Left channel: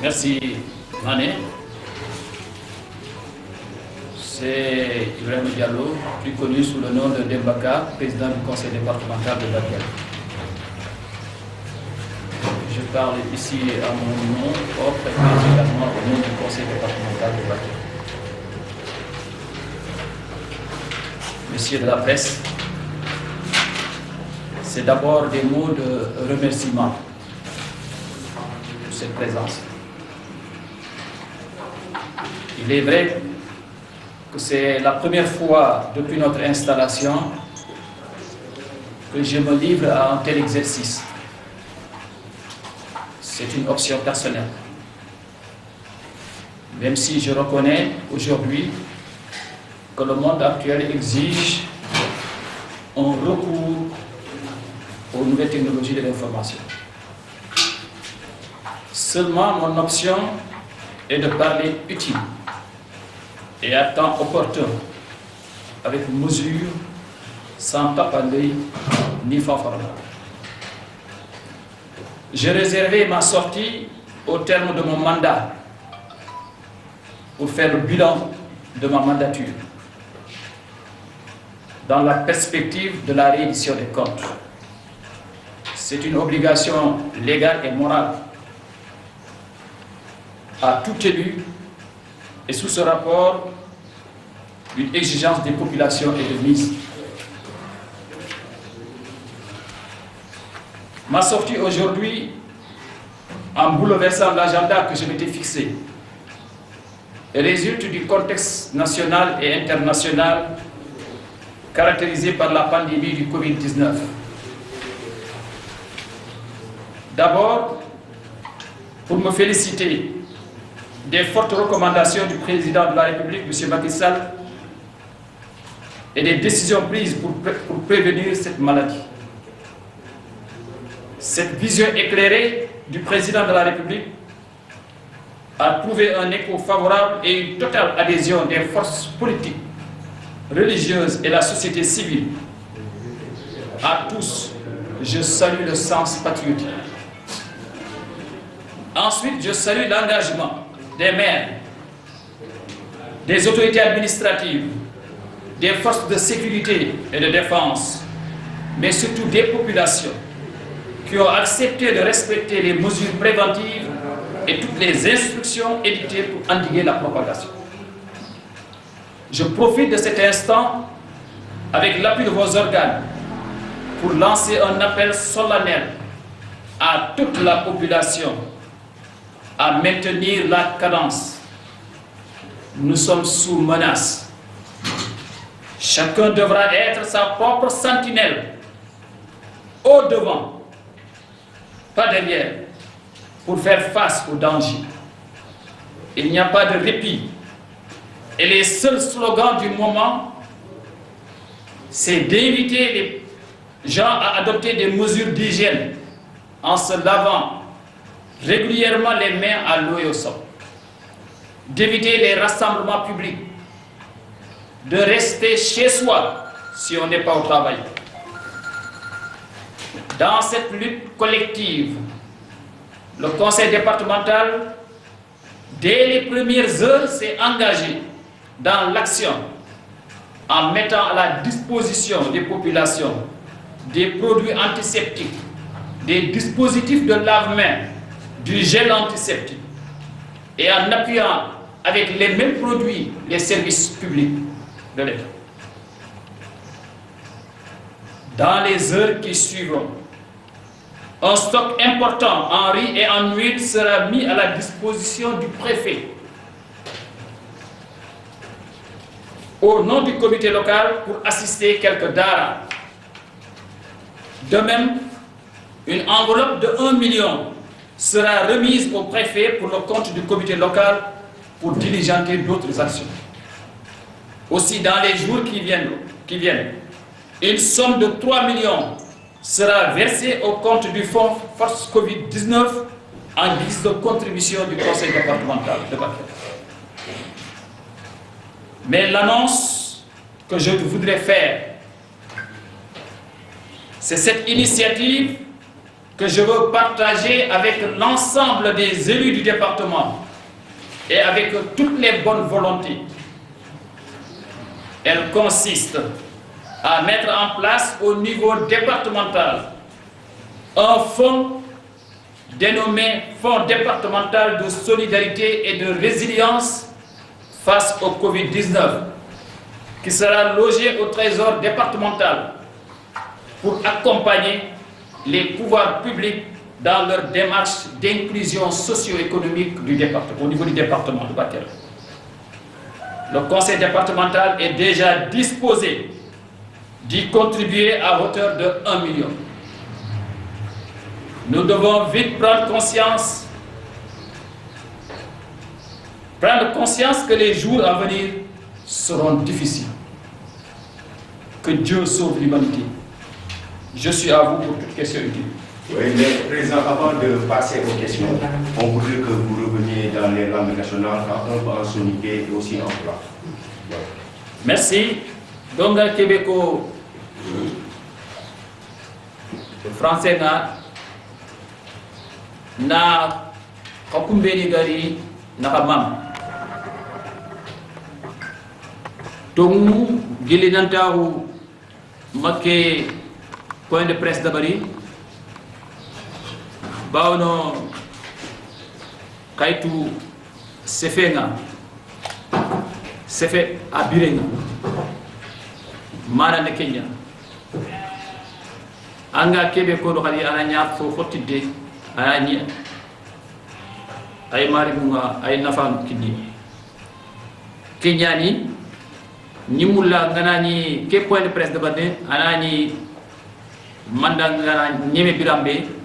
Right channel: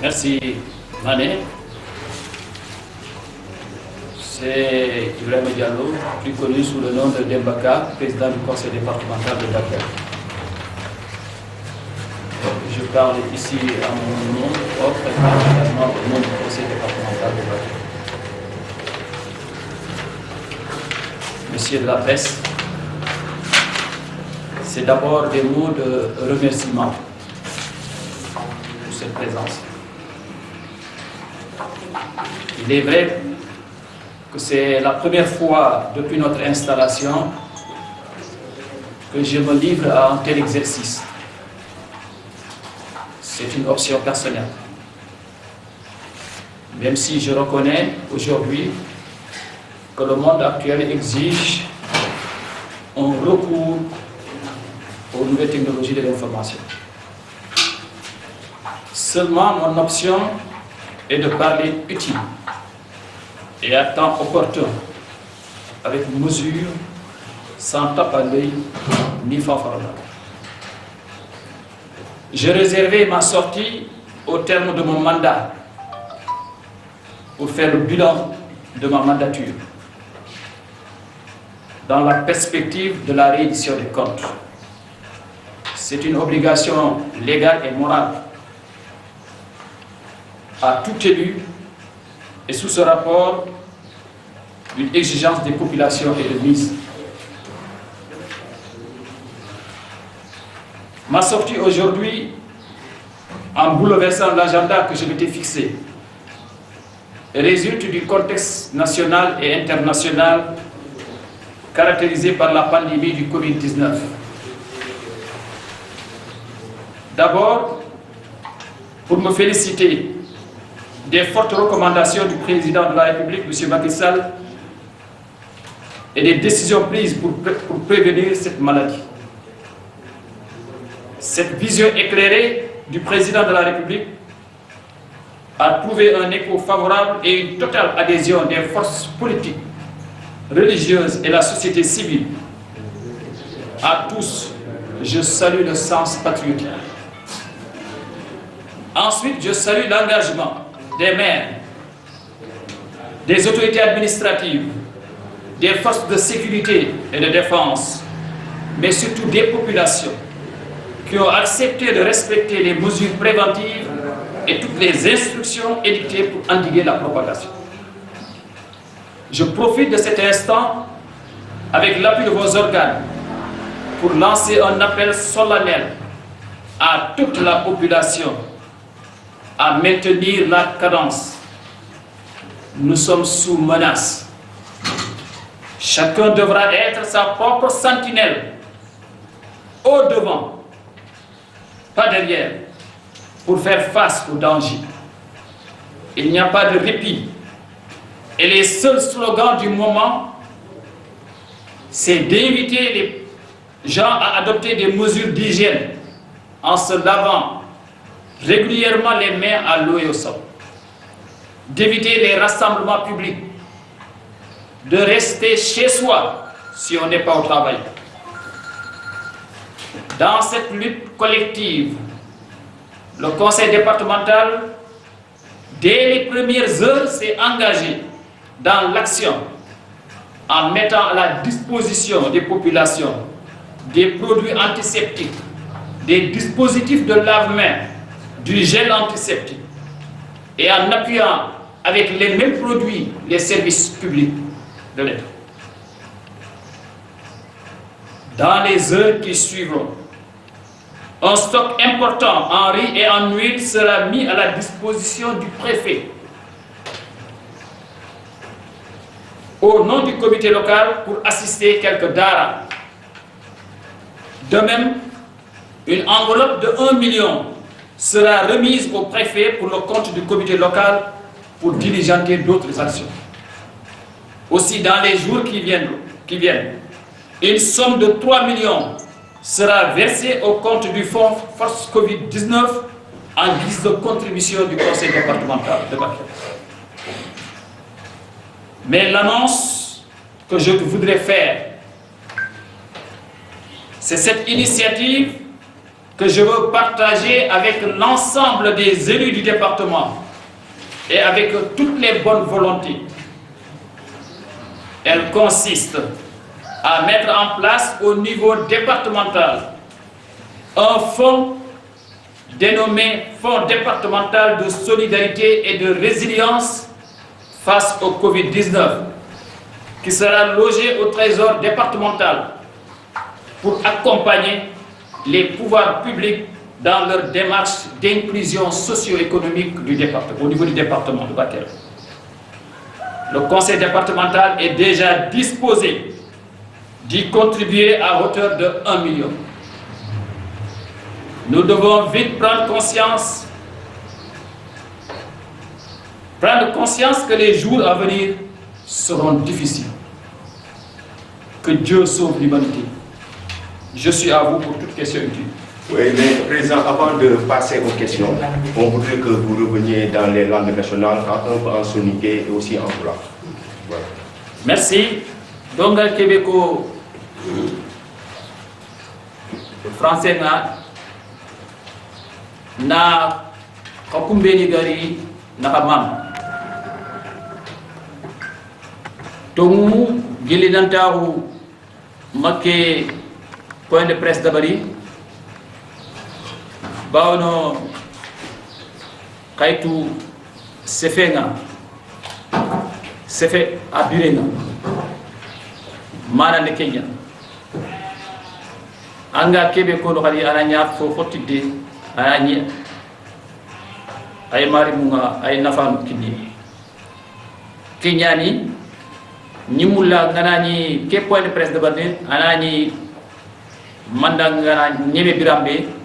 Merci, Mané. C'est Ibrahim Diallo, plus connu sous le nom de Dembaka, président du conseil départemental de Bakel. Je parle ici à mon nom propre et particulièrement au nom du conseil départemental de Bakel. Messieurs de la presse, c'est d'abord des mots de remerciement pour cette présence. Il est vrai que c'est la première fois depuis notre installation que je me livre à un tel exercice. C'est une option personnelle. Même si je reconnais aujourd'hui que le monde actuel exige un recours aux nouvelles technologies de l'information. Seulement, mon option est de parler utile et à temps opportun, avec mesure, sans tape à l'œil ni fanfaronade. J'ai réservé ma sortie au terme de mon mandat pour faire le bilan de ma mandature dans la perspective de la réédition des comptes. C'est une obligation légale et morale à tout élu et sous ce rapport, une exigence des populations et de mise. Ma sortie aujourd'hui, en bouleversant l'agenda que je m'étais fixé, résulte du contexte national et international caractérisé par la pandémie du Covid-19. D'abord, pour me féliciter des fortes recommandations du président de la République, M. Macky Sall, et des décisions prises pour prévenir cette maladie. Cette vision éclairée du président de la République a trouvé un écho favorable et une totale adhésion des forces politiques, religieuses et la société civile. À tous, je salue le sens patriotique. Ensuite, je salue l'engagement des maires, des autorités administratives, des forces de sécurité et de défense, mais surtout des populations qui ont accepté de respecter les mesures préventives et toutes les instructions édictées pour endiguer la propagation. Je profite de cet instant, avec l'appui de vos organes, pour lancer un appel solennel à toute la population à maintenir la cadence. Nous sommes sous menace. Chacun devra être sa propre sentinelle, au devant, pas derrière, pour faire face au danger. Il n'y a pas de répit. Et les seuls slogans du moment, c'est d'inviter les gens à adopter des mesures d'hygiène en se lavant régulièrement les mains à l'eau et au savon, d'éviter les rassemblements publics, de rester chez soi si on n'est pas au travail. Dans cette lutte collective, le conseil départemental, dès les premières heures, s'est engagé dans l'action en mettant à la disposition des populations des produits antiseptiques, des dispositifs de lave-mains, du gel antiseptique et en appuyant avec les mêmes produits les services publics de l'État. Dans les heures qui suivront, un stock important en riz et en huile sera mis à la disposition du préfet au nom du comité local pour assister quelques daras. De même, une enveloppe de 1 million sera remise au préfet pour le compte du comité local pour diligenter d'autres actions. Aussi, dans les jours qui viennent, une somme de 3 millions sera versé au compte du fonds Force Covid-19 en guise de contribution du conseil départemental de Bakel. Mais l'annonce que je voudrais faire, c'est cette initiative que je veux partager avec l'ensemble des élus du département et avec toutes les bonnes volontés. Elle consiste à mettre en place au niveau départemental un fonds dénommé Fonds départemental de solidarité et de résilience face au Covid-19, qui sera logé au trésor départemental pour accompagner les pouvoirs publics dans leur démarche d'inclusion socio-économique du département, au niveau du département de Bakel. Le conseil départemental est déjà disposé d'y contribuer à hauteur de 1 million. Nous devons vite prendre conscience que les jours à venir seront difficiles. Que Dieu sauve l'humanité. Je suis à vous pour toute question utile. Oui, mais Président, avant de passer aux questions, on voudrait que vous reveniez dans les langues nationales, un peu en soninké et aussi en pulaar. Voilà. Merci. Donc, Québécois, français, na kakumbeni gari na kamam. Tongu gilinantahu make point de presse d'abari. Baono kaitu sefenga sefe abirenga mana ne Kenya anga kebe ko do khali ananya fo fotide ananya ay mari munga ay nafam kidi kenyani nimulla nganani ke point de presse de bande anani mandanga nyeme birambe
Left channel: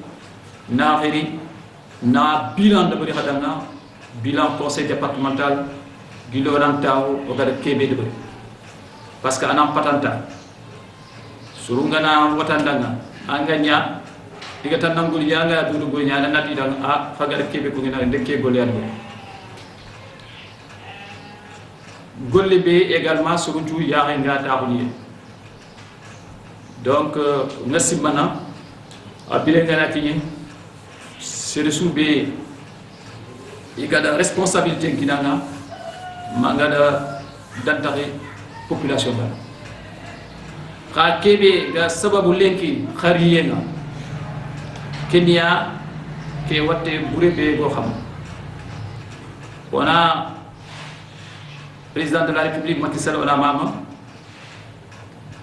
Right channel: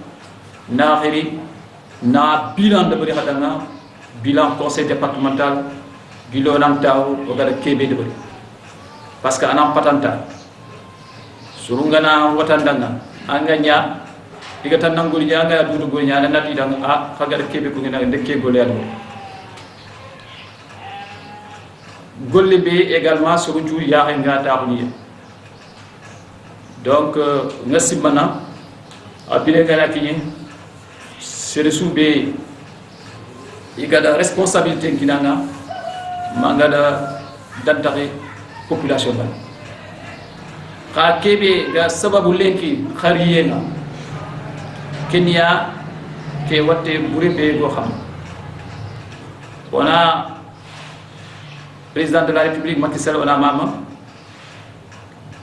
na khiri na bilan de bari khadanga bilan conseil départemental gilo nan taw o gada kebe de bari parce que anam patanta surungana watandanga anganya diga tan nangol janga dudu go nyaana nati dang a khagada kebe ko ngena ndekke gol yalla golle be également suruntu ya nga taxuni donc ngasimana abile ngana kinyi c'est le soubé il y a la responsabilité qui n'a mangada d'entrer population ba ka kebe ga sababu lenki khariyenga Kenya ke watte burebe go xam wana président de la République Macky Sall wana mama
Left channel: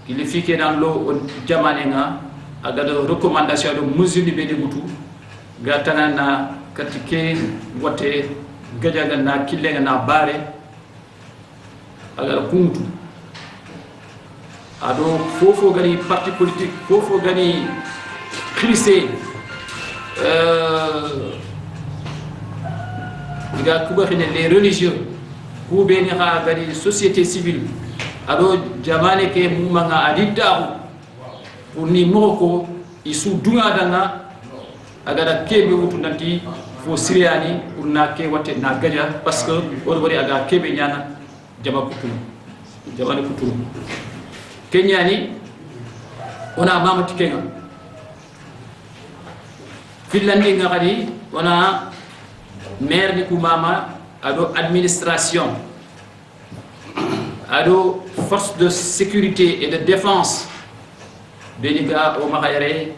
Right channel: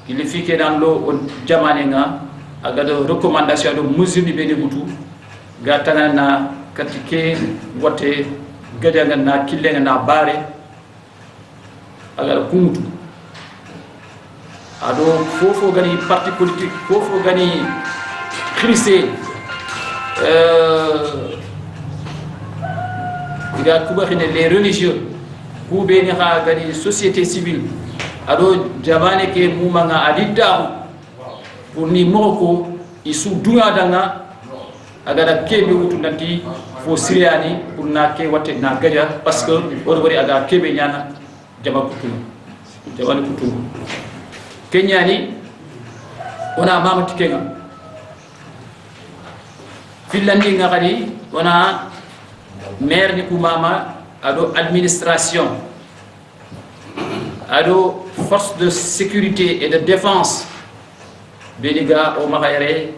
il fiké dans l'eau jamanenga aga de recommandation de mesures ni beni mutu ga tanana katike wote gadanga na killenga na bare aga kumutu ado fofo gani parti politique fofo gani crissé diga kuba xine les religieux ku beni xa gani société civile ado jamane ke mumanga aditahu pour ni moko isu dunga danga agada kebe wutu nanti fo siriani pour na ke watte na gaja parce que o bari aga kebe nyana jama kutulu jawani kutulu kenyani ona mama tikenga finlandi ngari ona maire ni ku mama ado administration ado force de sécurité et de défense beniga o makayre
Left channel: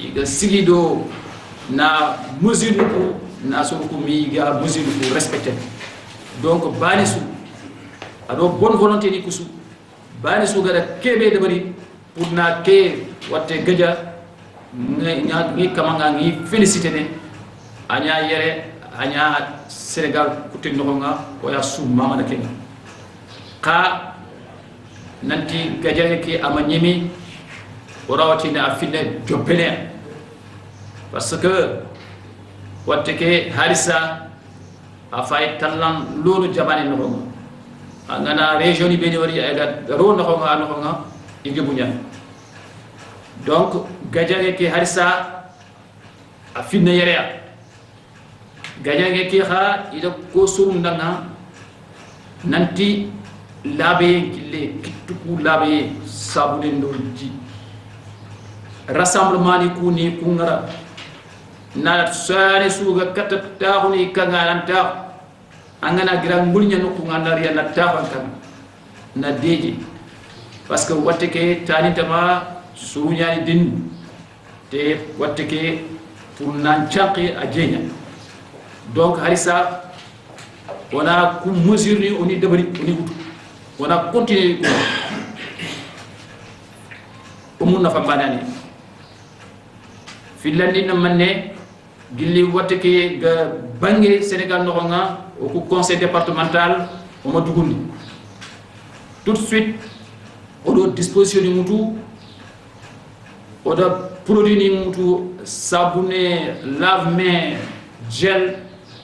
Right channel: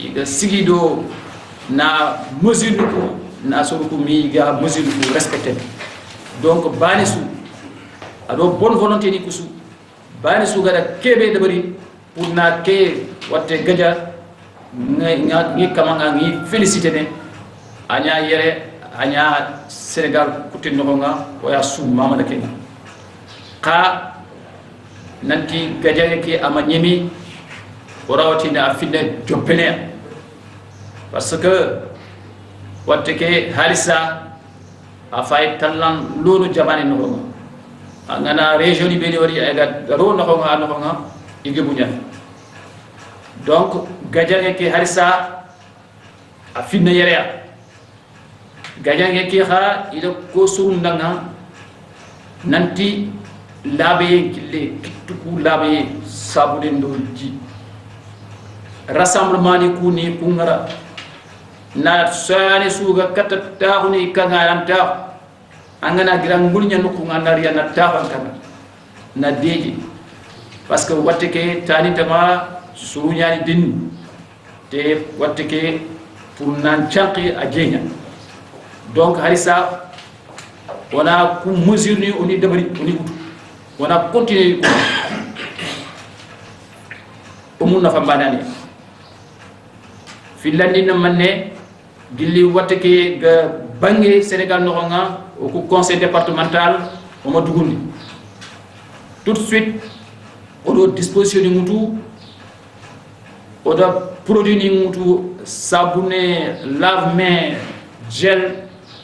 iga sigido na mesure ko na so ko mi ga mesure ko respecter donc banisu ado bonne volonté ni kusu banisu gada kebe de bari pour na ke watte gaja ngi kamanga ngi féliciter ne anya yere anya Sénégal kutin no nga o ya su mama da kenga ka nanti gaja ke amanyemi orawati na finne jopene parce que watte ke harisa a fay tallan lolu jamane no ngana région ni beni wari aga ro no nga ige bunya donc gajange ke harisa a finna yereya gajange ke ha ida ko surundanga nanti labe kille kittuku labe sabule ndolji rassemblement ni kuni kungara na sane suga kata tahuni kangalanta angana girang mulnya nuku ngandari na tahan kan na deji parce que watte ke tani tama surunya ni din te watte ke pour nan chanqi a jenya donc harisa wana ku mesure ni oni debari oni utu wana continuer umun na fambanani filandi na manne gilli watte ke ga bangé Sénégal no nga au conseil départemental o ma dugundi tout de suite odo disposition ni mutu oda produit ni mutu sabune lave-main gel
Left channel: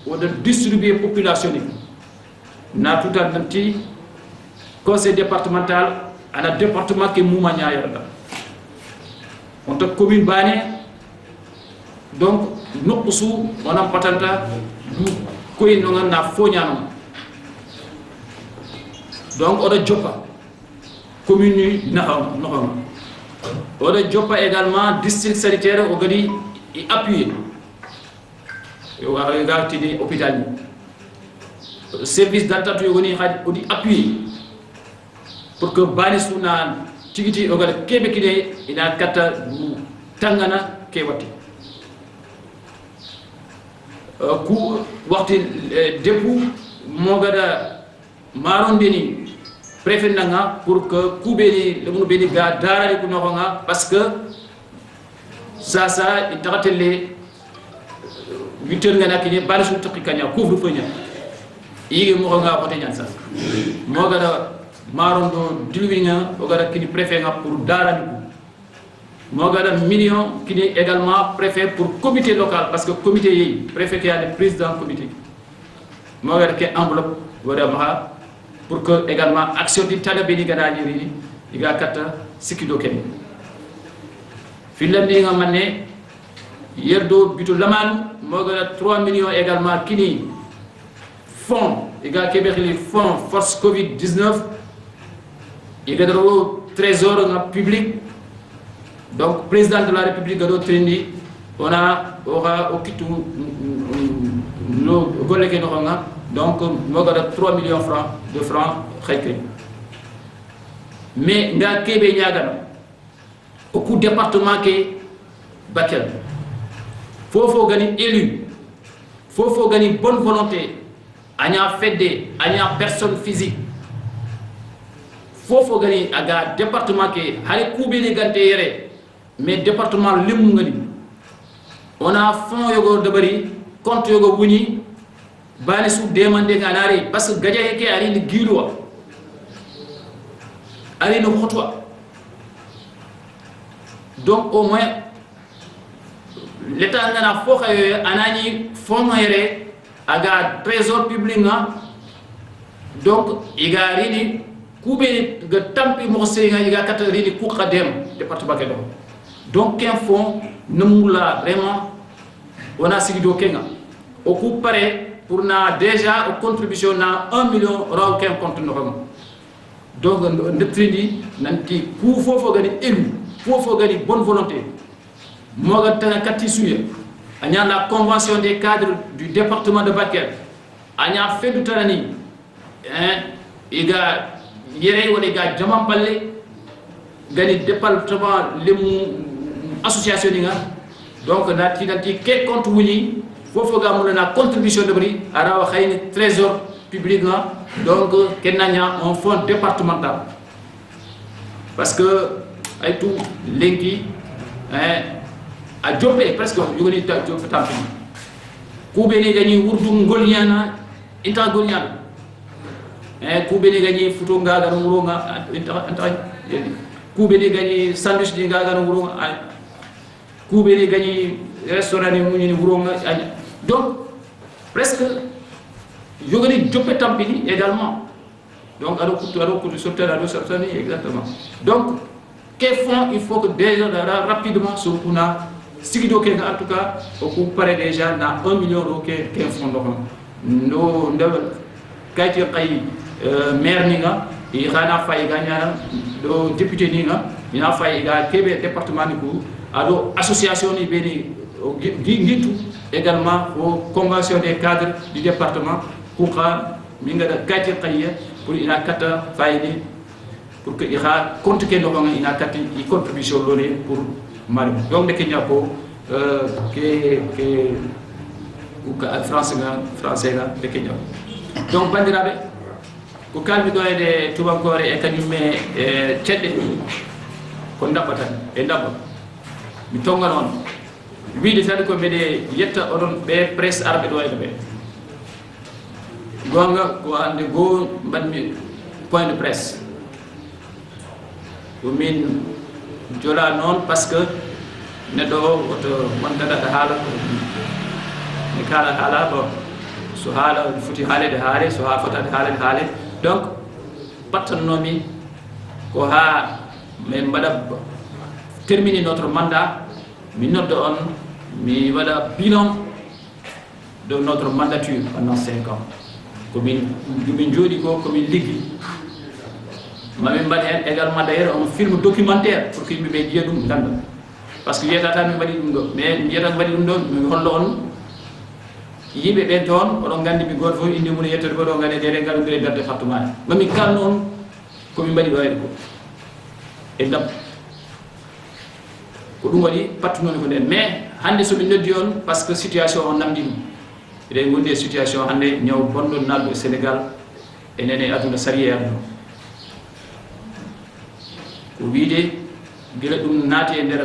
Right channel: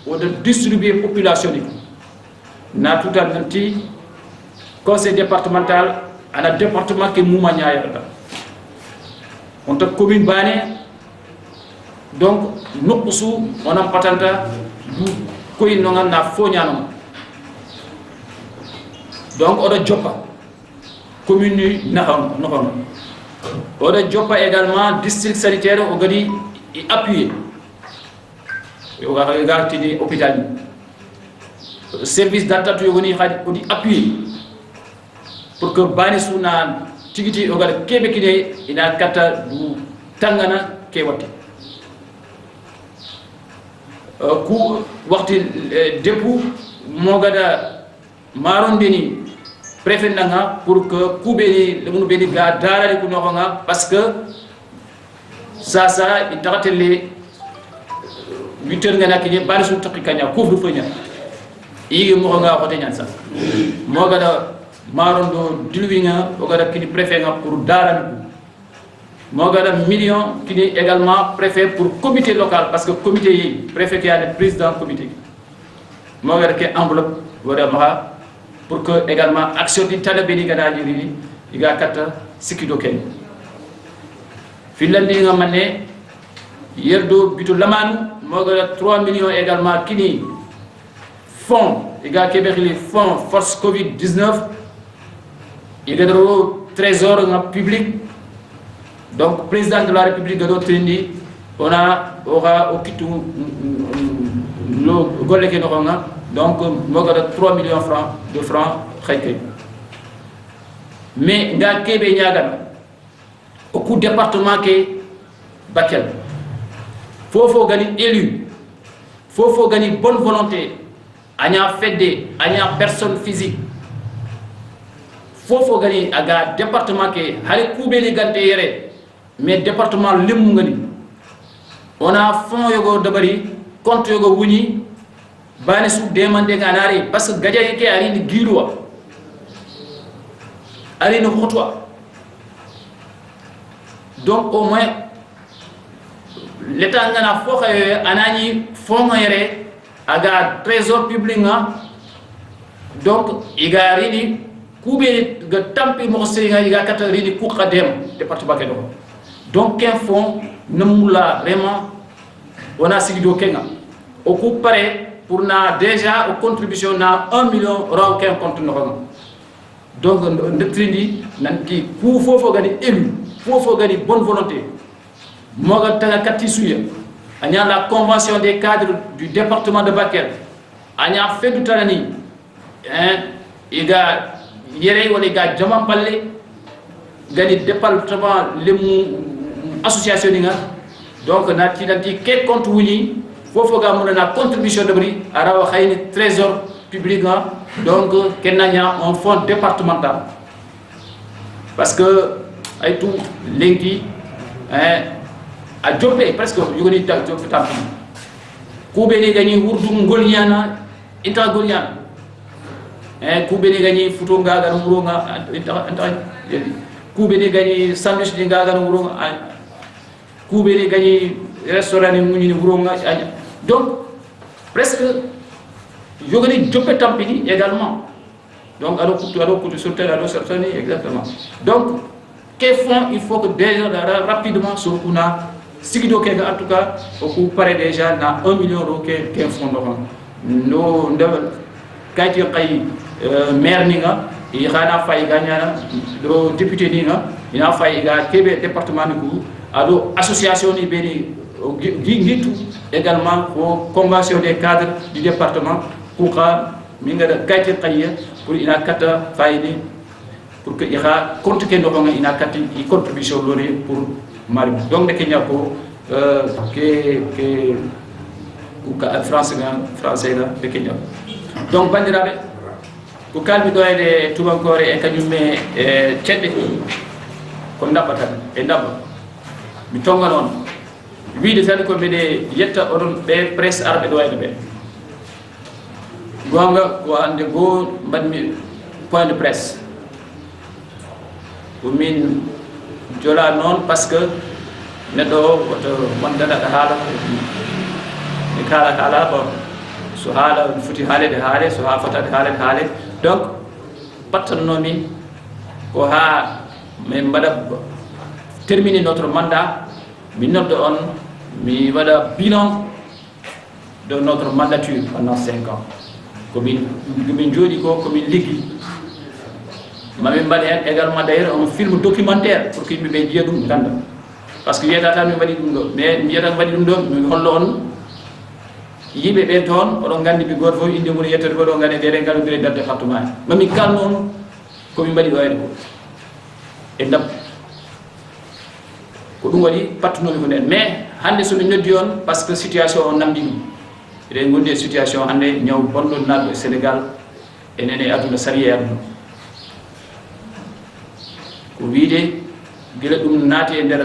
oda distribuer population ni na tout nanti conseil départemental ana département ke mouma ñaayata on ta commune bané donc nukusu onam patanta du koy no na fo ñaanam donc oda joppa commune ni naxam oda joppa également district sanitaire o gadi appuyer yo ga tini hôpital ni service d'attente yo goni xadi odi appuyer pour que bani suna tigiti o gada kebe kine ina kata du tangana ke wati ku waxti depu mo gada marondeni préfet nanga pour que ku beni le beni ga darali ku no nga parce que ça itakatele 8h ngana kine bani su takikanya couvre feu nya yige mo nga xote nyan sa mo gada marondo dilwinga o gada kini préfet nga pour darali ku mo gada million kini également préfet pour comité local parce que comité yi préfet qui a le président comité mo gada ke enveloppe wara ma pour que également action di talabé ni gada jiri iga kata sikido ken filandi nga mané yerdo bitu lamanu mo gada 3 millions également kini fonds iga kebeli fonds force covid 19 iga do trésor nga public. Donc, président de la République de Trindi, on aura au Kitu le Goleke Noronga, donc, 3 millions de francs. Mais, dans le Québec, au coup département qui est Bakel, il faut gagner élu, il faut gagner bonne volonté, il y a fédé, il y a personne physique. Il faut gagner un département qui est Koubé Gante. Mais département limu ngani on a fonds yogo dabari compte yogo wuni bani su demande nganari parce que gadja yake ari ni giruwa ari no khotwa donc au moins l'état ngana fo xaye anani fonds ngere aga trésor public nga donc igari ni kubé ga tampi mo sey nga kata rini ku khadem département ke do. Donc, un fonds, nous vraiment, on a signé Kenga. Au coup pareil, pour déjà, aux contributions, on a 1 million de compte. Donc, notre trindi, il faut gagner élu, il faut gagner bonne volonté. Moi, il y a la convention des cadres du département de Bakel. Il y a fait du Tanani. Il y a les gars, Jaman Palais, gagné département, les association ninga donc nati quel compte wuni fofo ga mon na contribution de bri ara xayni trésor public donc kenanya un fonds départemental parce que ay tout lenki a jopé presque yugoni ta jop tampi ku beni gagni wurdu ngolnyana inta golnyana ku beni gagni futo ngaga no murunga inta ku beni gagni sandwich di ngaga no murunga Koubéni gagné restaurant ni Wurunga. Donc, presque, il y a des jopé tampini également. Donc, alors, sur terre, exactement. Donc, quel fonds il faut que déjà rapidement sur una sigido ke en tout cas ko pare déjà na 1 million euro ke fonds no ndewal kayti kay maire ni nga i xana fay gagnana do député ni nga ina fay ga kebe département ni ko ado association ni beni gitu également pour convention des cadres du département pour minga da kayti kay pour ina kata fayni pour que ira compte que no nga ina kati i contribution lori pour mari donc de Kenya ko que français nga de Kenya donc bandirabe ko kalmi do ede tubankore e kanyume cedde ko ndabata e ndaba mi tonga non wiide tan ko mede yetta odon be presse arbe do ede be gonga ko ande go badmi point de presse ko min jola non parce que nedo woto wondada haala ni kala haala bon so haala foti haalede haale so ha fotade haalede donc pattannomi ko ha min mbaɗa terminer notre mandat mi nodda on mi waɗa bilan de notre mandature pendant 5 ans komin jooɗi ko komin liggi mamin mbaɗa hen également d'ailleurs un film documentaire pour que yimɓeɓe jiiya ɗum ganda par ce que wiyata tan mi waɗi ɗum ɗo mais mi wiyata mi waɗi ɗum ɗo mi hollo on yimɓe ɓe toon oɗon gandi mi goto fof inde mum yettode ko ɗo gandi dere ngalodire dar département mami kalno on komin mbaɗi ɗo henko e ndam ko ɗum waɗi pattunomi ko nden mais hande somi noddi on par ce que situation o namdi ɗum eɗen gondi e situation hande ñaw bonɗo naɗɗo e Sénégal enen e aduna sari e aduna ko wiide gila ɗum naati e nder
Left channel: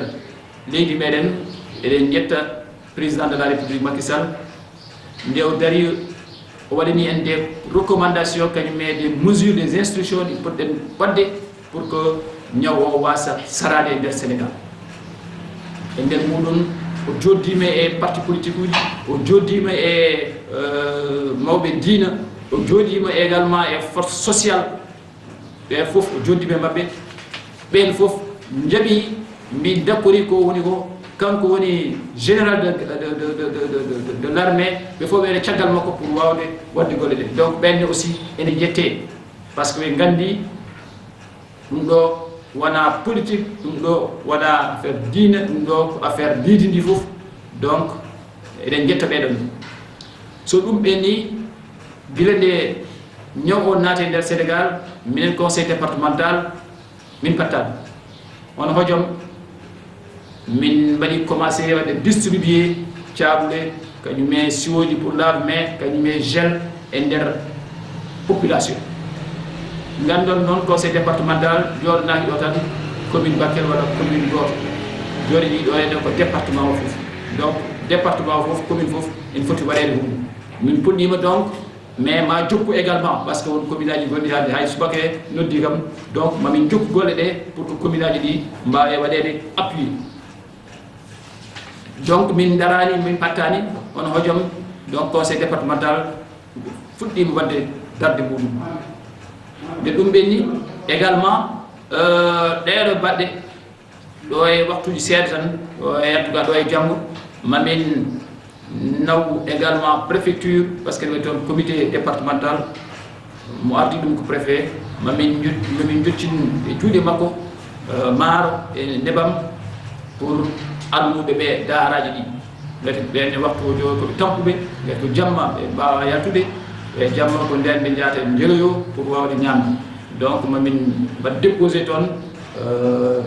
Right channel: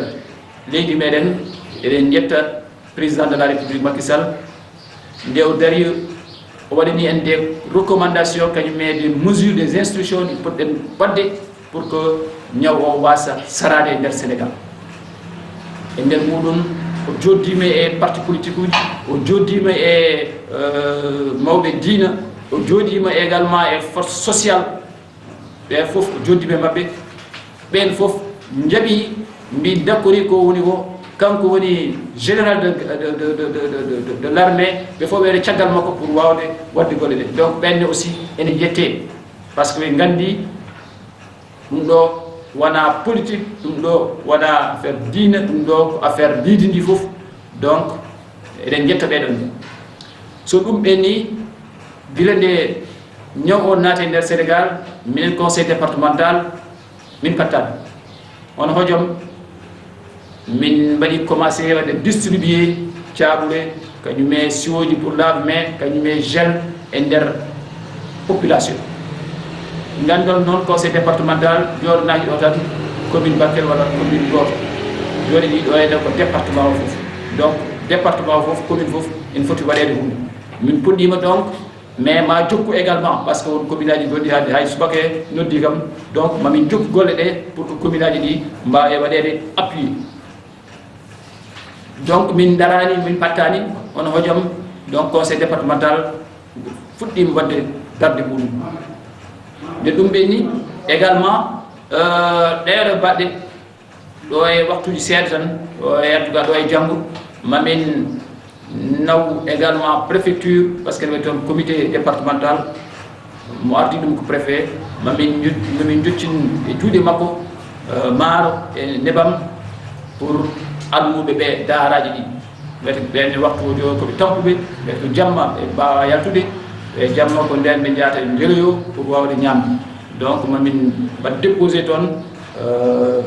leydi meɗen eɗen ƴetta président de la république Macky Sall nde o dari o waɗani en des recommandations kañum e des mesures des instructions ɗi poɗɗen wadde pour que ñaw o wasa sarade e nder Sénégal e nder muɗum o joddima e parti politique uji o joddima e mawɓe diina o joddima également e force sociale ɓe fof o joddima e mabɓe ɓen fof jaaɓi mbi dakkori ko woni ko kanko woni général de l'armée ɓe fof ɓeɗe caggal makko pour wawde wadde golle ɗe donc ɓenne aussi ene jette par ce que ɓe gandi ɗum ɗo wona politique ɗum ɗo wona affaire diina ɗum ɗo ko affaire diidi ndi fof donc eɗen jetta ɓeɗon so ɗum ɓenni gila nde ñaw o naati e nder Sénégal minen conseil départemental min pattade on hojom min mbaɗi commencé waɗde distribuer caɓule kañume siwoji pour lave-mains kañume gel e nder population gandon noon conseil départemental joɗanaki ɗo tan commune Bakel walla commune goto joɗiɗi ɗo ene ko département o foof donc département o foof commune foof ene foti waɗede hunde min puɗɗima donc mais ma jokku également par ce que won commune aji goɗɗi hade hay subake noddi kam donc mamin jokku golle ɗe pour que commune aji ɗi mbawe waɗede appuyé donc min darani min pattani on hojom donc conseil départemental fuɗɗima wadde darde muɗum nde ɗum ɓenni également ɗeɗo baɗɗe ɗo e waktuji seeɗa tan ɗo e en tout cas ɗo e janggo mamin naw également préfecture parce que ne toon comité départemental mo ardi ɗum ko préfet mamin joccin e juuɗe makko maaro e nebam pour almuɓe ɓe daaraji ɗi gati ɓenne waktu o jo koɓe tampuɓe gati ko jamma ɓe mbawa yaltude e jamma ko nden ɓe jahata e jeeloyo pour wawde ñamde donc mamin mbaɗ déposé toon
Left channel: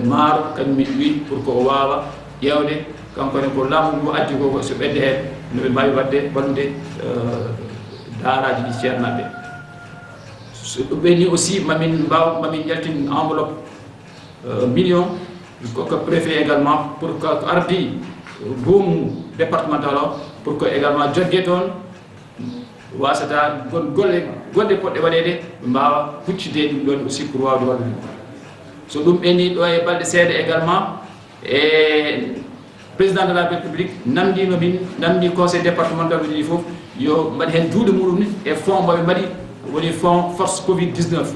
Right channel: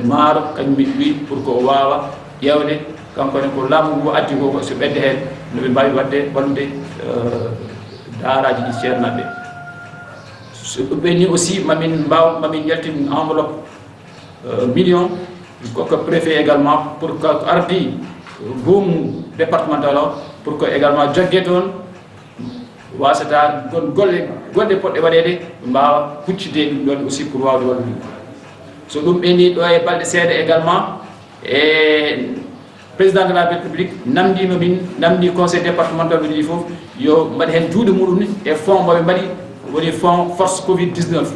maaro kañum min wi pour que o wawa ƴewde kankone ko laamu ngu addi ko so ɓedde hen noɓe mbawi wadde wallude daaraji ɗi ceernaɓe so ɗum ɓenni aussi mamin jaltin enveloppe million koko préfet également pour que ardi goomu départemental o pour que également jogge toon wasata gon golle poɗɗe waɗede ɓe mbawa huccide ɗum ɗon aussi pour wawde wallude so ɗum ɓenni ɗo e balɗe seeɗa également e président de la république namdima min namdi conseil départemental ɓe ɗiɗi foof yo mbaɗi hen juuɗe muɗum ni e fonds moɓe mbaɗi woni fonds force covid 19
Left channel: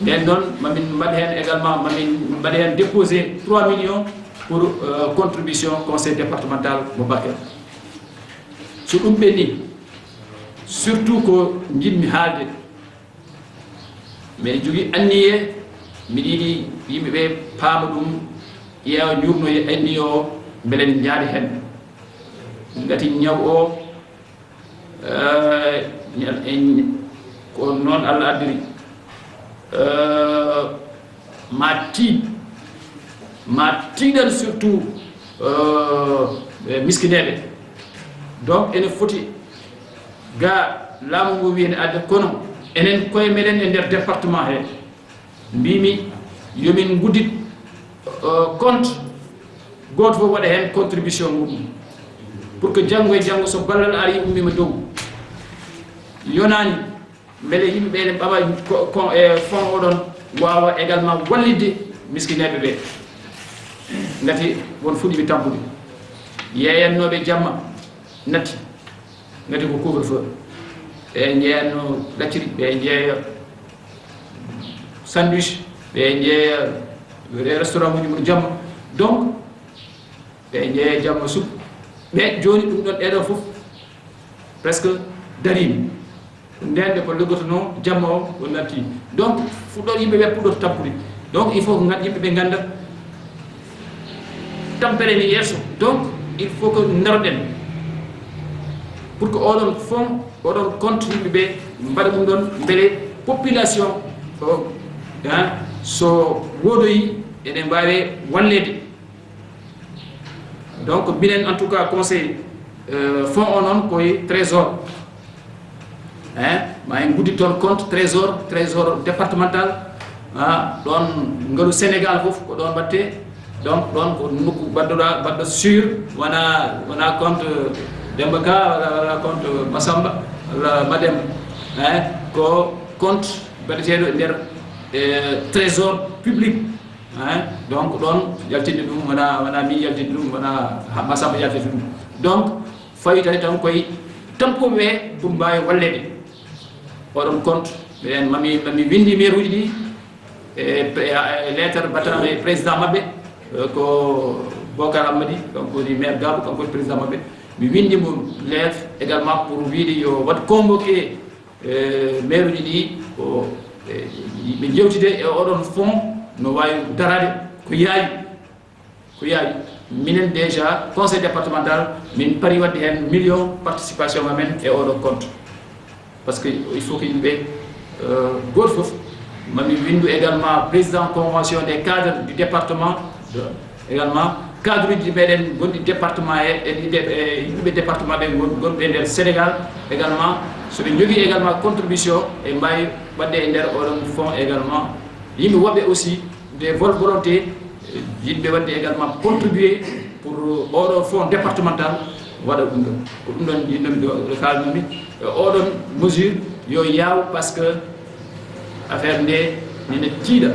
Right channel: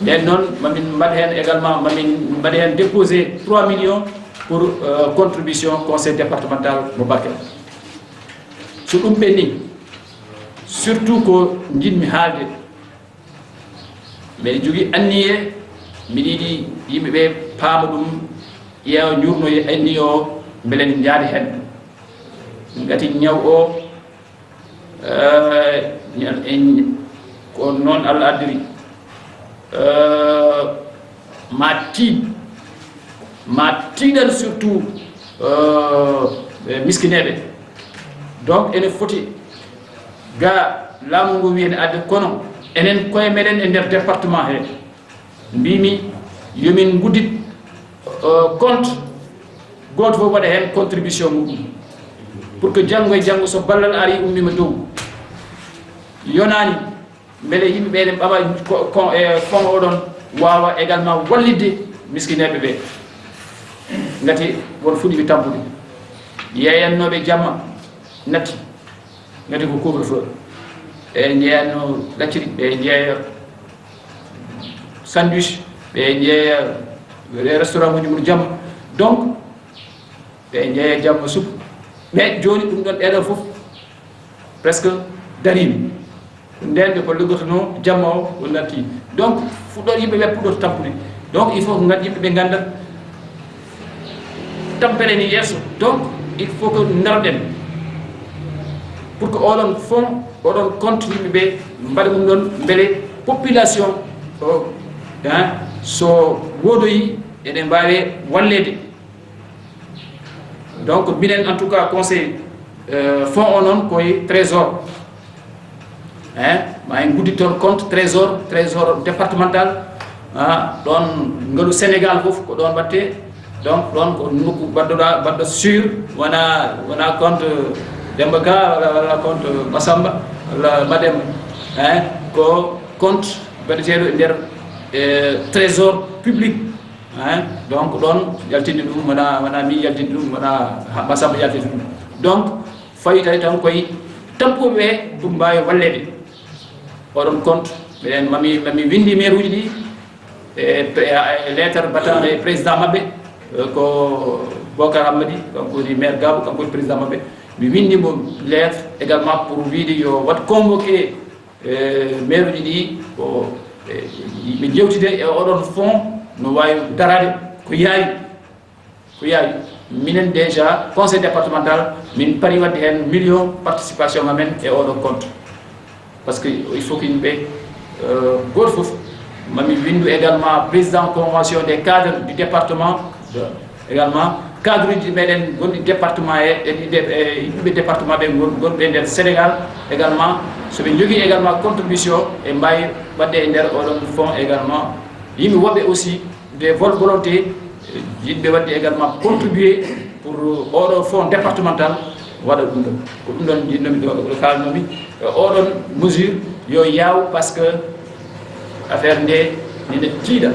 nden noon mamin mbaɗ hen également mamin mbaɗa hen déposé 3 millions pour contribution conseil départemental mo Bakel. So ɗum ɓenni surtout ko jinmi haalde mbeɗa jogui anniye mbiɗa yiiɗi yimɓeɓe paama ɗum ƴeewa jurno anniye o beele en jaadi hen gati ñaw o ko noon Allah addiri ma tiiɗan surtout miskineɓe. Donc ene foti ga laamu ngu wi ene adda kono enen koye meɗen e nder département he mbimi yomin guddit compte goto fof waɗa hen contribution muɗum pour que janggo e janggo so ballal ari ummima dow yonani beele yimɓeɓe ne ɓaɓa e fond oɗon wawa également wallidde miskineɓe ɓe gati won fuɗiɓe tampude yeeyannoɓe jamma natti gati ko couvre feu ɓe jeeyanno lacciri ɓe jeeya sandwich ɓe jeeya restaurant uji mum jamma donc ɓe jeeya jamma sup ɓe joni ɗum ɗon ɗeɗon foof presque darimi nden nde ko liggotono jamma o o natti donc fuɗɗo yimɓeɓe puɗɗoto tampude donc il faut ko yimɓeɓe ganda tampere ni yesso donc il faut que daroɗen pour que oɗon fond oɗon compte yimɓeɓe mbaɗa ɗum ɗon beele population o so wodoyi eɗen mbawi wallede. Donc minen en tout cas conseil fond o noon koye trésor ma en guddi toon compte trésor départemental ɗon ngaalu Sénégal foof ko ɗon watte donc ɗon ko nokku badɗo sûr wona compte Demba Ka wala compte Massamba walla Mademba ko compte mbaɗeteɗo e nder trésor public donc ɗon yaltinde ɗum wona mi yaltinde ɗum wona Massamba yaltinde ɗum donc fawi tawi tan koye tampuɓe ɓe ɗum mbawi wallede oɗon compte minen mami windi maire uji ɗi e lettre batande président mabɓe ko Bocar Hammadi kanko woni maire Gabou kanko woni président mabɓe mi windimo lettre également pour wiide yo wat convoqué maire uji ɗi ko ɓe jewtide e oɗon fond no wawi darade ko yaawi minen déjà conseil départemental min pari wadde hen million participation amen e oɗo compte parce que il faut que yimɓe goto foof mami windu également président convention des cadres du département également cadre uji meɗen gonɗi département yimɓe département ɓe gonɓe nder Sénégal également soɓe jogui également contribution e mbawi wadde e nder oɗon fond également yimɓe woɓɓe aussi des volontés yimɓe wadde également contribuer pour oɗo fond départemental waɗa ɗum ɗon ko ɗum ɗon jinnomi ɗo kalnomi oɗon mesure yo yaw par ce que affaire nde nene tiiɗa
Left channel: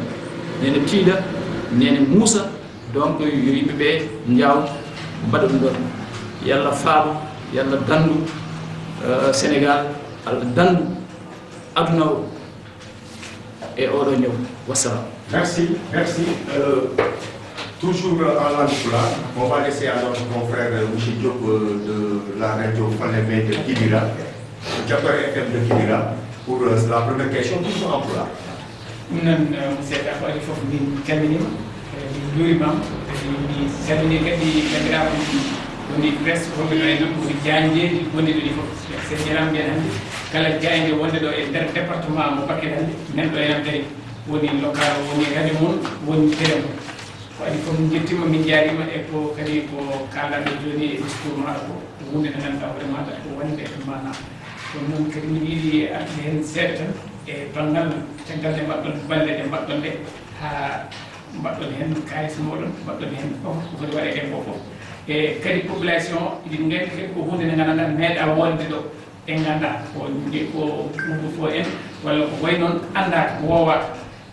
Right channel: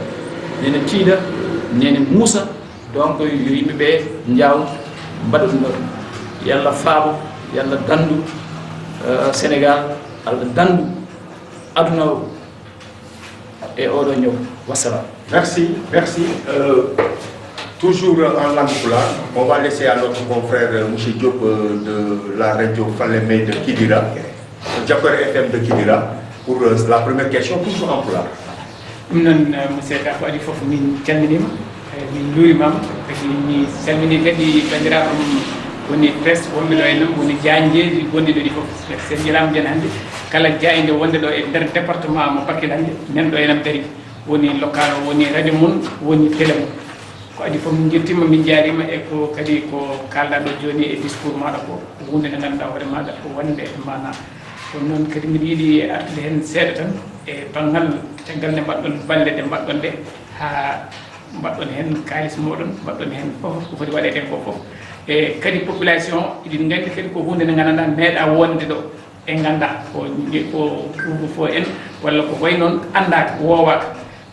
nene muusa donc yo yimɓeɓe jaw mbaɗa ɗum ɗon yalla faabo yalla dandu Sénégal Allah dandu aduna o e oɗo ñaw wassalam. Merci. Toujours en langue pulaar, on va laisser à notre confrère monsieur Diop de la radio Falémé de Kidira, Diapere FM de Kidira, pour la première question, toujours en pulaar. ɗum noon monsieur Ka ko adi fof min calminima min juurimama kadi mi salmini kadi bandiraɓe woni presse wonɓe ɗo e noon woni jañjeji gonɗi ɗo ɗi fof sen jarama jen hannde kala jayde wonde ɗo e nder département mo Bakel hannde nan ɗo enam dari woni local o woni radio mum woni télé mum ko adi fof min jettima min jarima e ko kadi ko kalɗaɗo joni e discours maɗa ko hunde nde ganduɗa hoore maɗa ko wonde e mana kono noon kadi min yiiɗi artude hen seeɗa tan e banggal caggal nde mbaɗɗon balle ɗe mbaɗɗon ɗe ha mbaɗɗon hen kalis moɗon mbaɗɗon hen fof ko foti waɗede ko fof e kadi population iɗin gandi kadi ko hunde nde ganduɗa meeɗa wonde ɗo e ganda ko fo en walla ko way noon andaka wowaka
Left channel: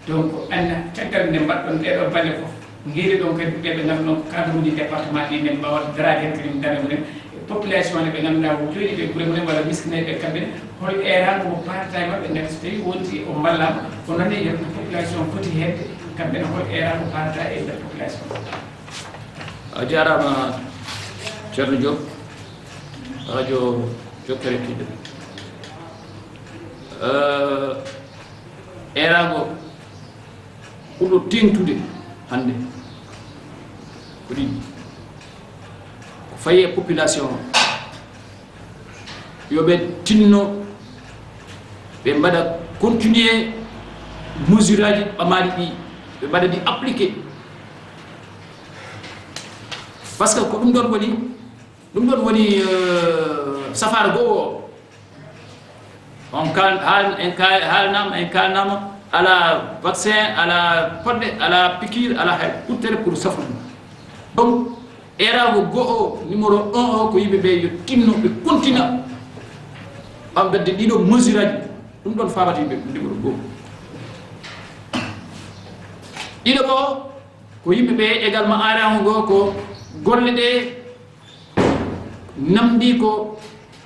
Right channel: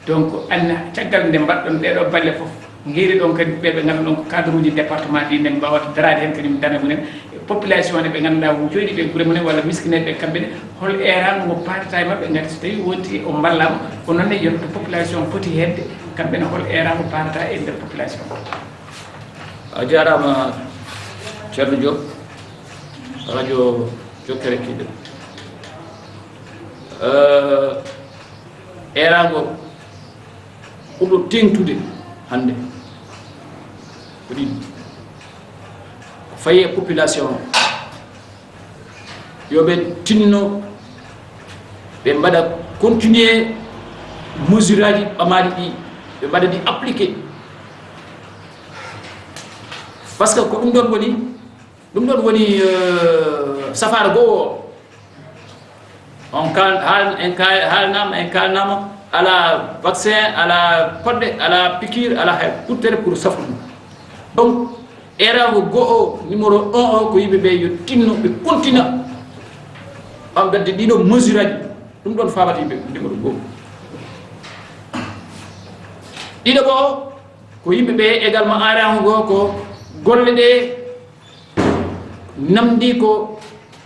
donc anna caggal nde mbaɗɗon ɗeɗo balle fof guiri ɗon kadi ɓeɓe ganduɗon ko cadre uji département ɗi men mbawata darade hen kadi mi dana munen population ne ɓe ngannduɗaa ko jooɗi ɓe gure mumen walla miskineɓe kamɓe ne hol erago mo paatata e maɓɓe ngati so tawi wonti o mballama ko noon ne yonto population foti hedde kamɓe ne hol erago paatata e nder population a jarama ceerno Diop radio Jokkere Kidde erago ɓurɗo tengtude hannde ko ɗiɗi ko fayi e population yoɓe tinno ɓe mbaɗa continuer mesure aji ɓamaɗi ɗi ɓe mbaɗa ɗi appliqué par ce que ko ɗum ɗon woni safara goo o en kalnama ala vaccin ala poɗɗe ala piqûre ala hay ɓurtere pour safru ɗum donc erago goo numéro 1 o ko yimɓeɓe yo tinno ɓe continue ɓamdande ɗiɗo mesure aji ɗum ɗon famata yimɓe numéro goo ɗiɗo ɓo ko yimɓeɓe également arago goo ko golle ɗe namdi ko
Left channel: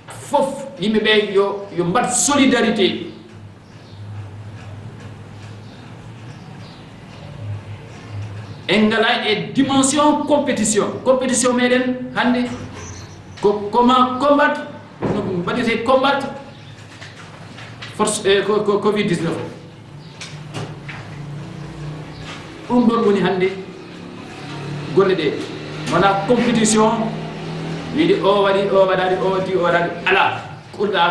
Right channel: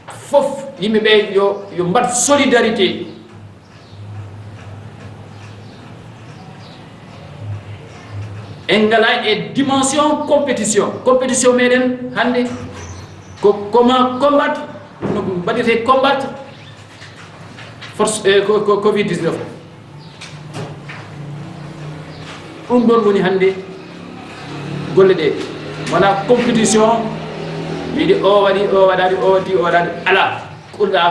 fof yimɓeɓe yo mbat solidarité en ngala e dimension compétition meɗen hannde ko comment combattre no mbaɗete combattre force covid 19 ɗum ɗon woni hannde golle ɗe wona compétition wiide o waɗi o waɗani o waddi o waɗani ala ɓurɗa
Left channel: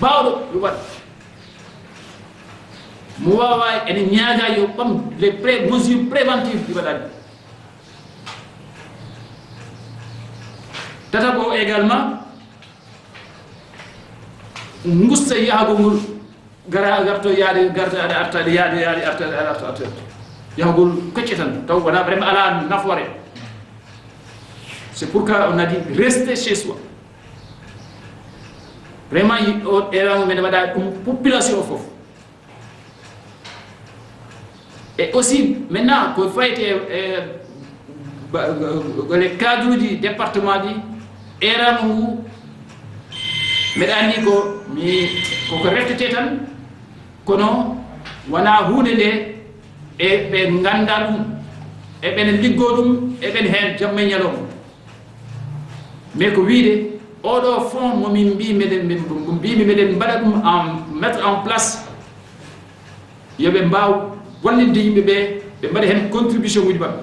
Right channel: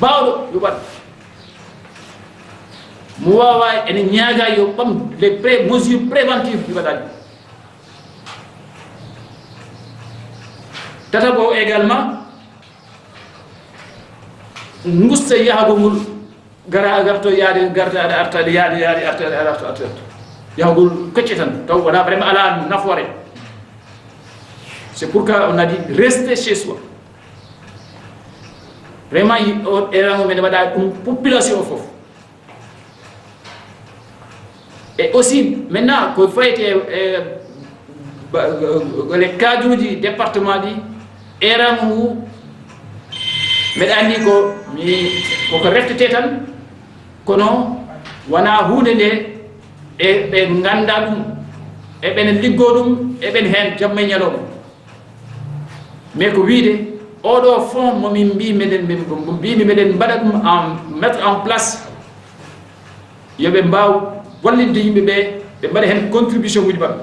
bawɗo yo waɗ mo wawa ene ñaaga yo ɓam les mesures préventives ɗi waɗani tata ko également gusta yahagol ngol garto yaade gartaɗe artade yaade arta yahagol kocce tan taw wona vraiment ala nafoore. C'est pourquoi on a dit rester chez soi. Vraiment, il y a une population fof. Et aussi, maintenant, qu'il faut être les cadres du département, eramu mbeɗa andi ko reftete tan kono wona hunde nde e ɓe ganda ɗum e ɓene liggo ɗum e ɓen hen jamma e ñalawma mais ko wiide oɗo fond momin mbimi meɗen mbaɗa ɗum en mettre en place yoɓe mbaw wallinde yimɓeɓe ɓe mbaɗa hen contribution uji maɓɓe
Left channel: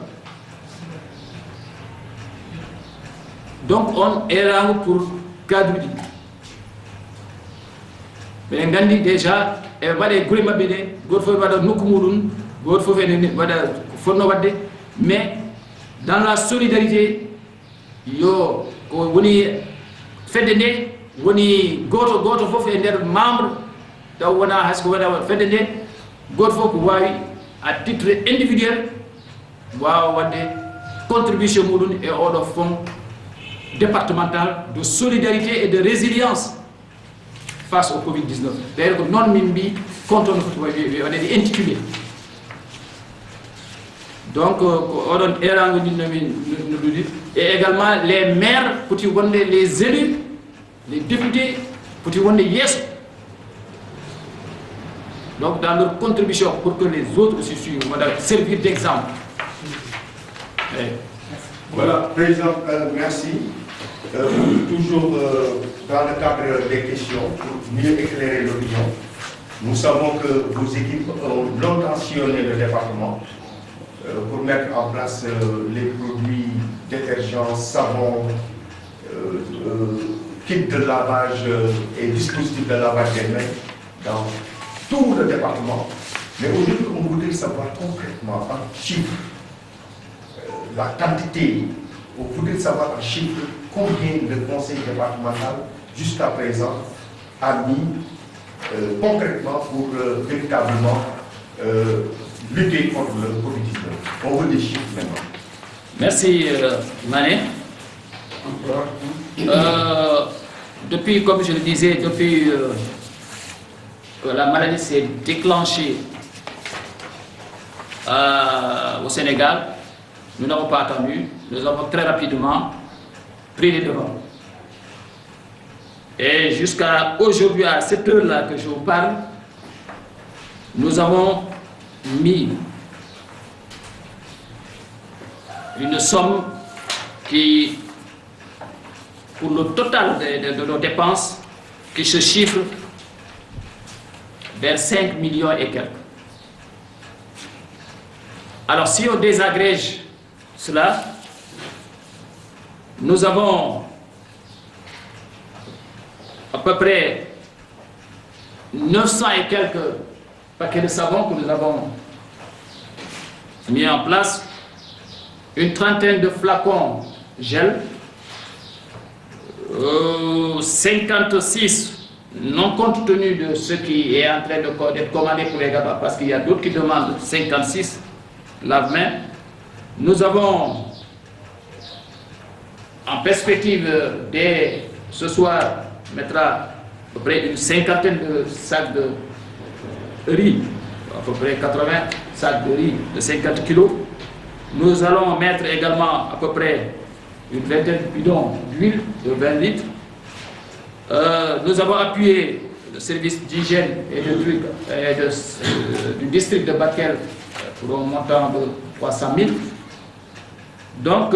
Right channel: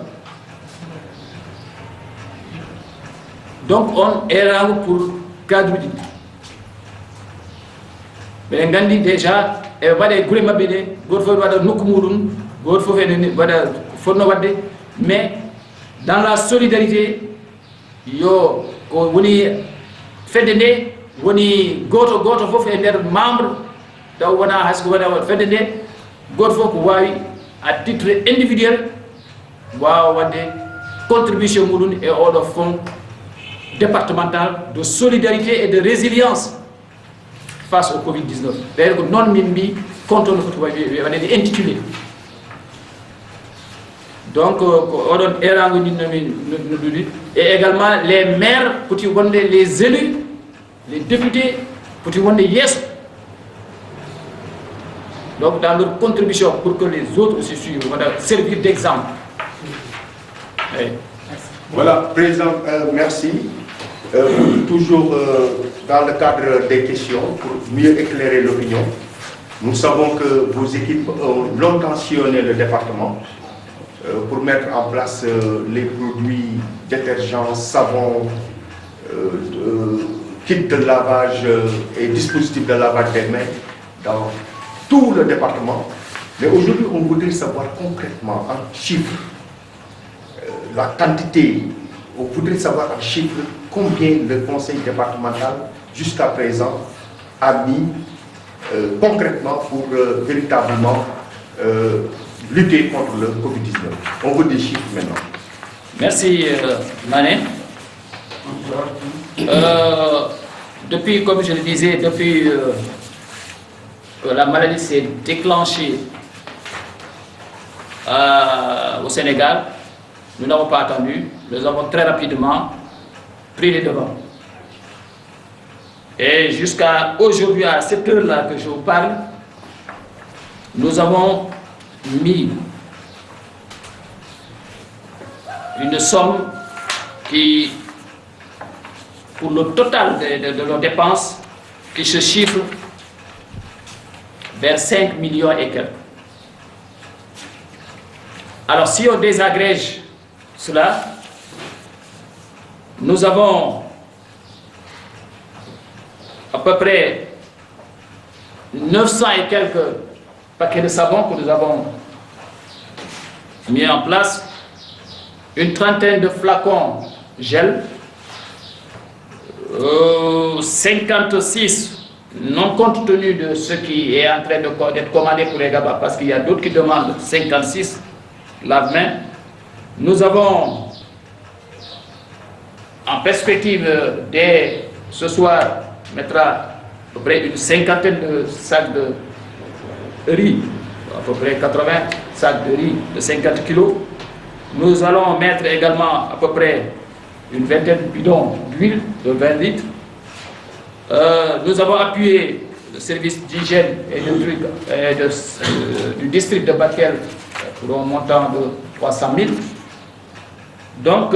donc on erago pour cadre uji ɗi ɓeɗen gandi déjà eɓe mbaɗe guure mabɓe ɗe goto fof waɗa nokku muɗum goto fof ene waɗa fonno wadde mais dans la solidarité yo ko woni fedde nde woni goto fof e nder membre taw wona hayso wona fedde nde goto fof ko wawi à titre individuel wawa wadde contribution muɗum e oɗo fonds départemental de solidarité et de résilience face au Covid-19. D'ailleurs, non mimbi contre le foti intitulé. Donc, et également les maires, les élus, les députés, yes. Donc, dans leur contribution pour que les autres aussi suivent, on va servir d'exemple. Voilà, Président, merci. Toujours dans le cadre des questions, pour mieux éclairer l'opinion, nous savons que vos équipes ont longtemps sillonné le département pour mettre en place les produits détergents, savons, kits de lavage et dispositifs de lavage des mains dans tout le département. Mais aujourd'hui, on voudrait savoir concrètement, en chiffres, la quantité. On voudrait savoir en chiffres combien le conseil départemental, jusqu'à présent, a mis concrètement pour véritablement lutter contre le Covid-19. On veut des chiffres maintenant. Merci Mané. Depuis, comme je le disais, depuis que la maladie s'est déclenchée au Sénégal, nous n'avons pas attendu, nous avons très rapidement pris les devants. Et jusqu'à aujourd'hui, à cette heure-là que je vous parle, nous avons mis une somme qui, pour le total de nos dépenses, qui se chiffre vers 5 millions et quelques. Alors si on désagrège cela, nous avons à peu près 900 et quelques paquets de savon que nous avons mis en place, une trentaine de flacons gel, 56 non compte tenu de ce qui est en train d'être commandé pour les GABA, parce qu'il y a d'autres qui demandent 56 lave-mains. Nous avons en perspective dès ce soir mettra à peu près une cinquantaine de sacs de riz, à peu près 80 sacs de riz de 50 kilos. Nous allons mettre également à peu près une vingtaine de bidons d'huile de 20 litres. Nous avons appuyé le service d'hygiène et du district de Bakel pour un montant de 300 000. Donc,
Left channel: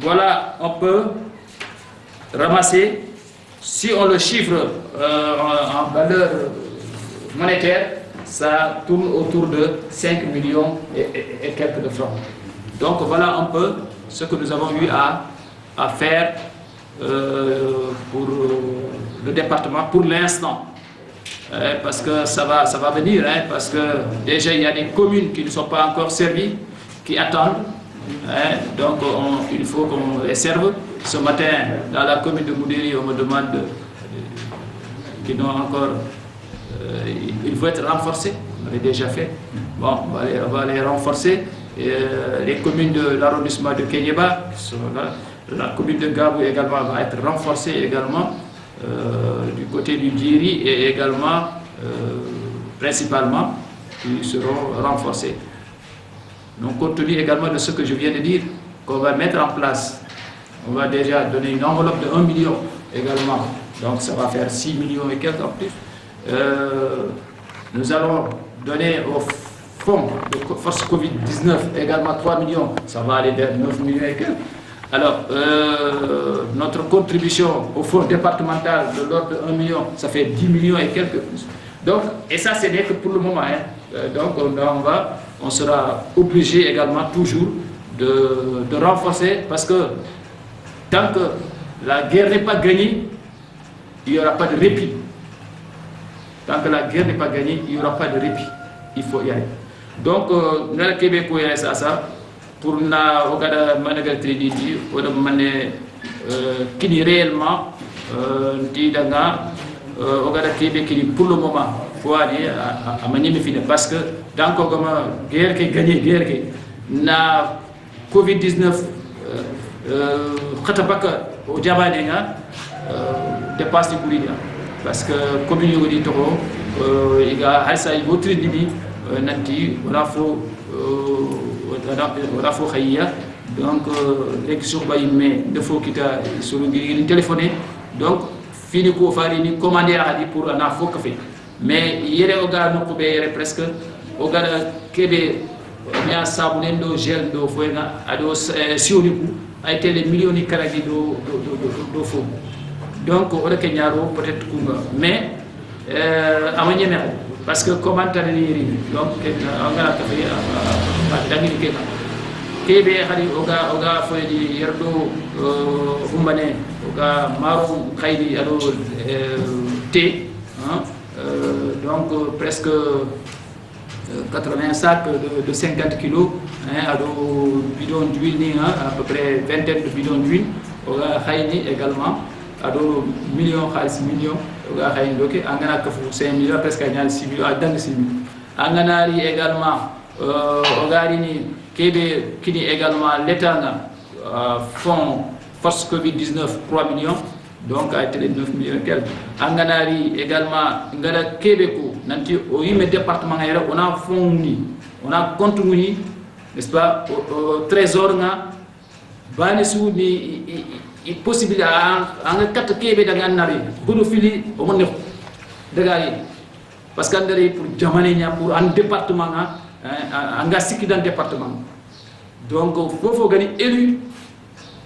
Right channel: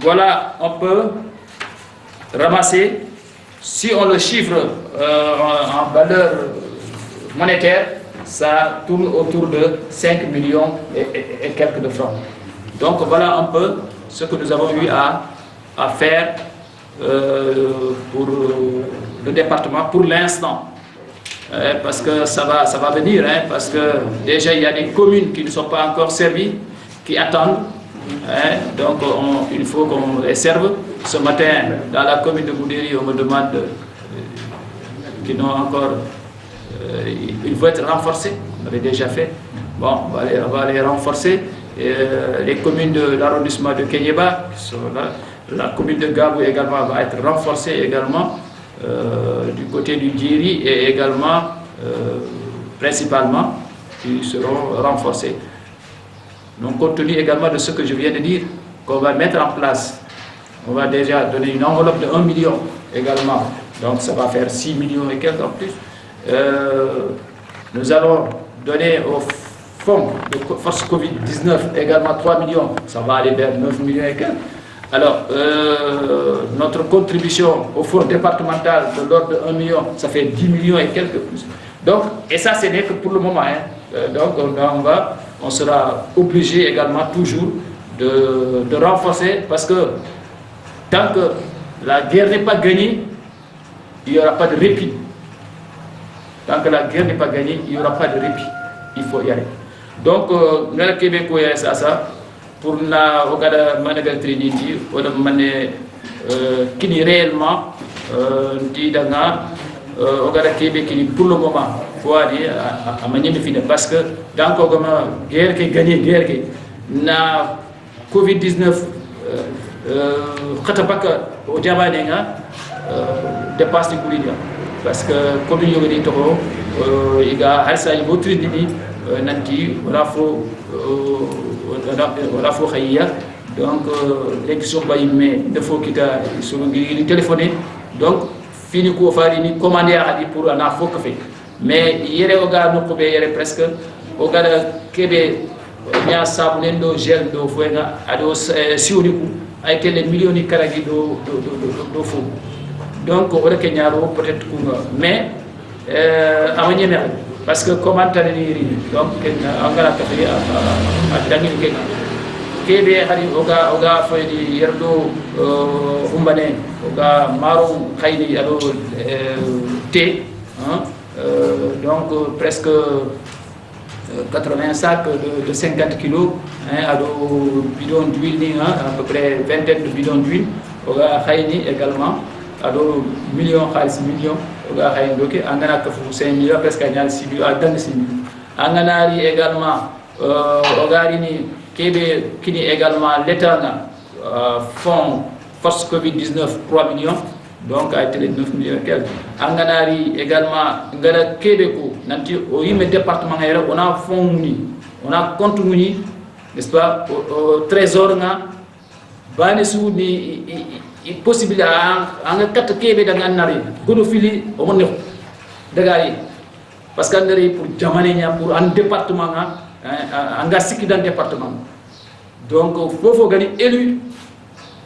voilà, on peut ramasser, si on le chiffre en valeur monétaire, ça tourne autour de 5 millions et quelques de francs. Donc voilà un peu ce que nous avons eu à faire pour le département pour l'instant. Parce que ça va venir, hein, parce que déjà il y a des communes qui ne sont pas encore servies, qui attendent. Donc il faut qu'on les serve. Ce matin, dans la commune de Goudéry, on me demande qu'ils n'ont encore... il faut être renforcé, on l'avait déjà fait. Bon, on va les renforcer. Les communes de l'arrondissement de Kéniéba, qui sont là, la commune de Gabou également va être renforcée également, du côté du Djiri et également, principalement, qui seront renforcés. Donc, compte tenu également de ce que je viens de dire, qu'on va mettre en place, on va déjà donner une enveloppe de 1 million également, donc ça va faire 6 millions et quelques en plus. Nous allons donner au fonds de force Covid-19 également 3 millions, ça va aller vers 9 millions et quelques. Alors, notre contribution au fonds départemental de l'ordre de 1 million, ça fait 10 millions et quelques plus. Donc, et ça, ce n'est que pour le moment. Hein. Donc, on sera obligé également toujours de renforcer, parce que tant que la guerre n'est pas gagnée, il n'y aura pas de répit. Tant que la guerre n'est pas gagnée, il n'y aura pas de répit. Il faut y aller. Donc, nous allons Québec ça. Pour na ogada managal trinity oda mané kini réellement ndi danga ogada kebe kini pour le moment faut aller à manier fini parce que dans kogama guerre qui gagné guerre qui na Covid-19 khatapaka o jamane nga dépasse goulidia parce que comme yogoni toko iga halsa ibo trinity nanti wala fo wala fo khayya donc rek so bay mais il faut kita sur ngi téléphoner donc fini ko fari ni commander hadi pour ana fo ka fait mais yere o ga no ko be yere presque o ga kebe nya sabunen do gel do fo nga ado sioni ku ay tele millions karagi do fo donc o rek ñaaro peut-être ku nga mais amanye mer parce que comment taniri donc angala ka fi a dangini kenga kebe hari oga foydi yerdo umbane oga maro khaydi ado té donc presque 80 sacs de 50 kilos ado bidon d'huile ni à peu près vingtaine de bidons d'huile oga khayni également ado million khalis million oga khayn doki angana ka fu 5 millions presque ñal 6 millions dang 6 millions anganari également ogari ni kebe kini également l'état na fonds force Covid-19 3 millions donc a été 9 millions quelques anganari également ngara kebe ko nanti o yime département ngayra on a fonds ni on a compte ni n'est-ce pas au trésor nga bani su ni possible anga kat kebe da ngannari godo fili o mon daga yi parce que ndari pour jamane nya pour un département anga sikki dans département donc fofo gani élu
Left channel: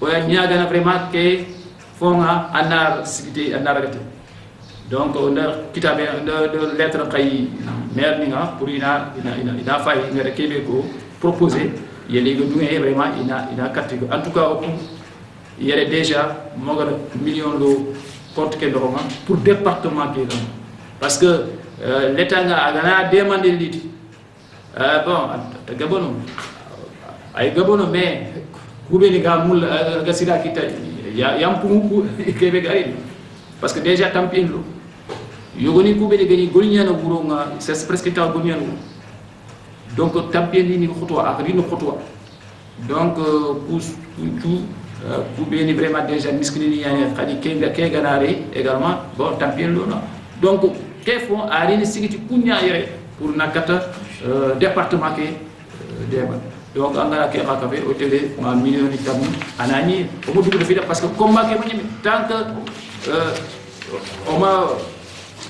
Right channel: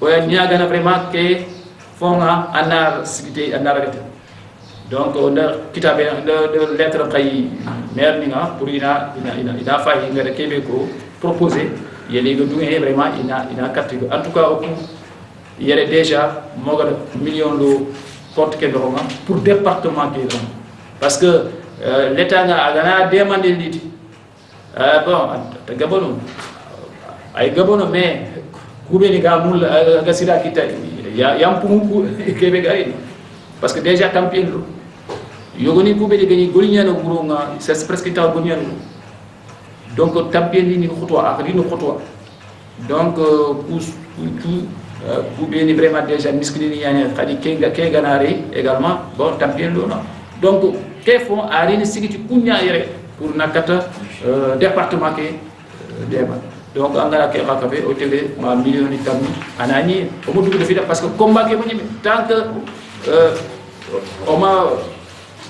oya ñagana vraiment que fonga anar sikité anar gati donc on a kitabe de lettre kay maire ni nga pour ina fay ngara kebe ko proposer yele go dungé vraiment ina carte en tout cas au yele déjà moga million lo compte ke ndonga pour département ke parce que l'état nga gana demander liti bon ta gabono ay gabono mais kubeni ga mul ga sida kita yam pungu kebe gari parce que déjà tampin lo yogoni kubeni gani golinyana buronga c'est presque ta golinyana donc tampin ni khotwa ak ni khotwa donc kubeni vraiment déjà miskini yani khadi ke ganari également bon tampin lo non donc ke font arine sigiti kunya yere pour nakata département ke dema donc angala ke xakabe o télé ma million ni tam anani o mo dugu fi parce que combat ke bani tant que o ma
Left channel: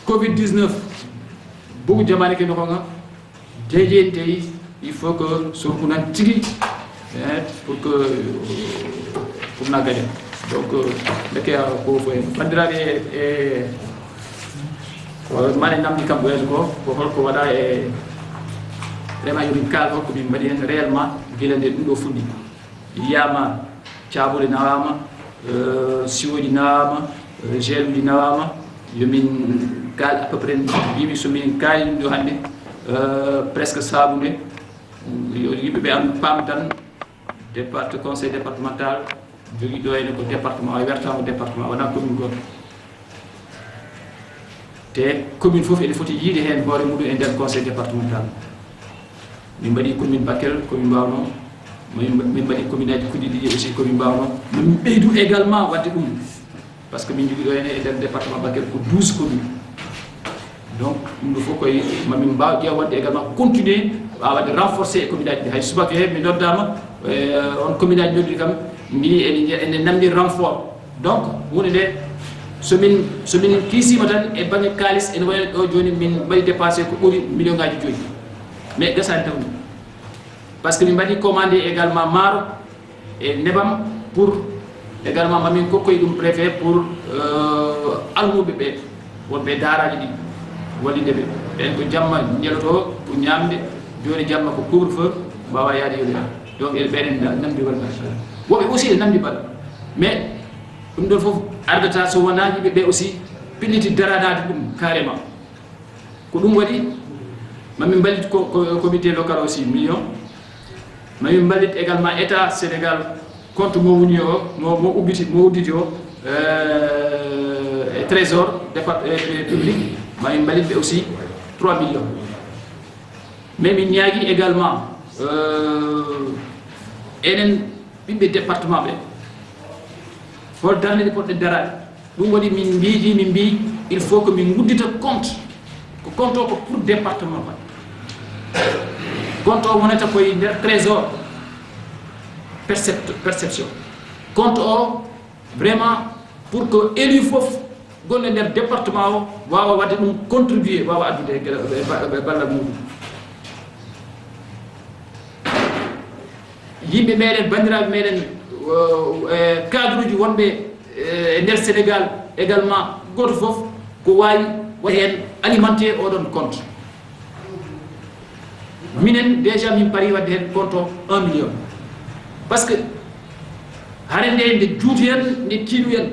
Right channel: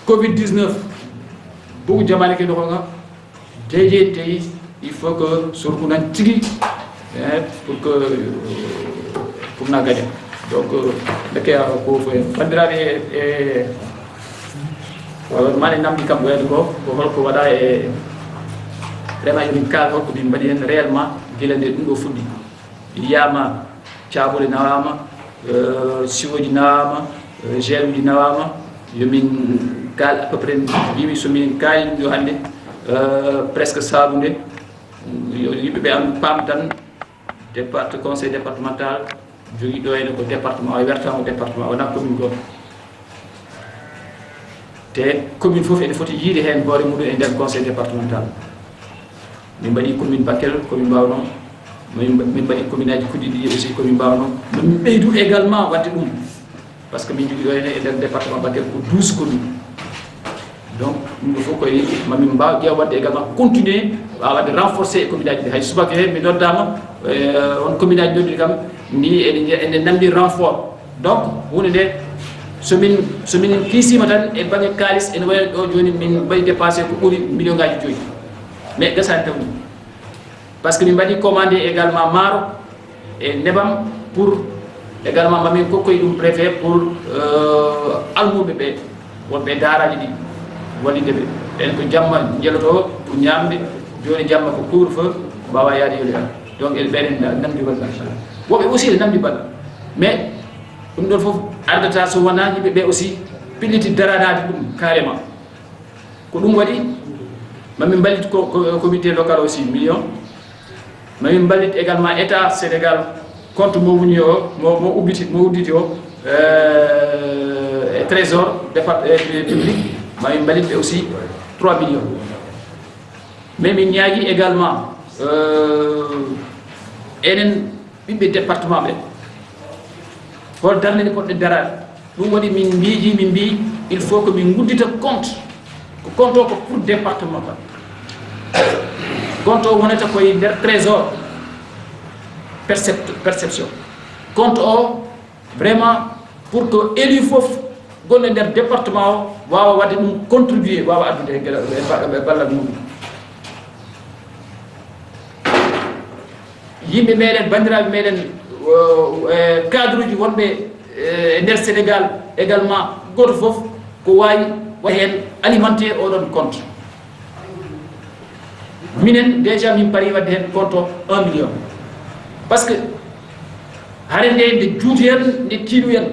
covid 19 bugu jamane ke no nga jeje tay il faut que sur ku nan tigi pour na gagner donc le ke ko fo bandirabe wala mane namdi kam ko ko wada vraiment yuri kal ko bi mbadi hen réellement gilande dum do fuddi yama tiabule nawama siwoji nawama geludi nawama yomin kal à peu près yimi somin kay do hande presque sabunde yibe be am pam tan département conseil départemental jogi do en ko département ay wertamo département on a commune go te commune fofu ene foti yide hen hore mudu e der conseil départemental min badi commune Bakel commune Bawno min badi commune aji kudidi aussi commune Bawno min beydou également wadde dum parce que min jogi do ene e der département Bakel ko 12 communes donc il faut que mamin baw dia wadde également continuer à wadde renforcer commune aji hay subaka he mi noddama on commune aji dodi kam ni ene namdi renfort donc woni de somin kisima tan e bangi kalis en way do joni min bari dépasser ko buri million ngaji joyi mais gasante parce que min badi commander également maro et nebam pour également mamin ko koy dum préfet pour almube be wonbe daraji di walide be en ko jamma jeloto pour nyambe joni jamma ko couvre feu bawa yaade yoli donc el benen namdi wala wobe aussi namdi bal mais dum don fof ardata so wana yibe be aussi pilliti daranade dum carrément ko dum wadi mami balit ko comité local aussi million mami balit également état Sénégal compte mo wuni o mo ubiti mo uditi o trésor public mami balit be aussi 3 millions mais mi ñaagi également enen bibbe département be hol darne ni podde darade dum wadi min biiji min bi il faut que min guddita compte ko compte ko pour département ba compte o wonata koy der trésor perception compte o vraiment pour que élu fof gonne der département o wawa wadde dum contribuer wawa addude balla mudum yimbe meden bandirabe meden cadre ji wonbe nder Sénégal également goto fof ko wayi wahen alimenter odon compte minen déjà min pari wadde hen compte 1 million parce que hare nde juuti hen nde tiidu hen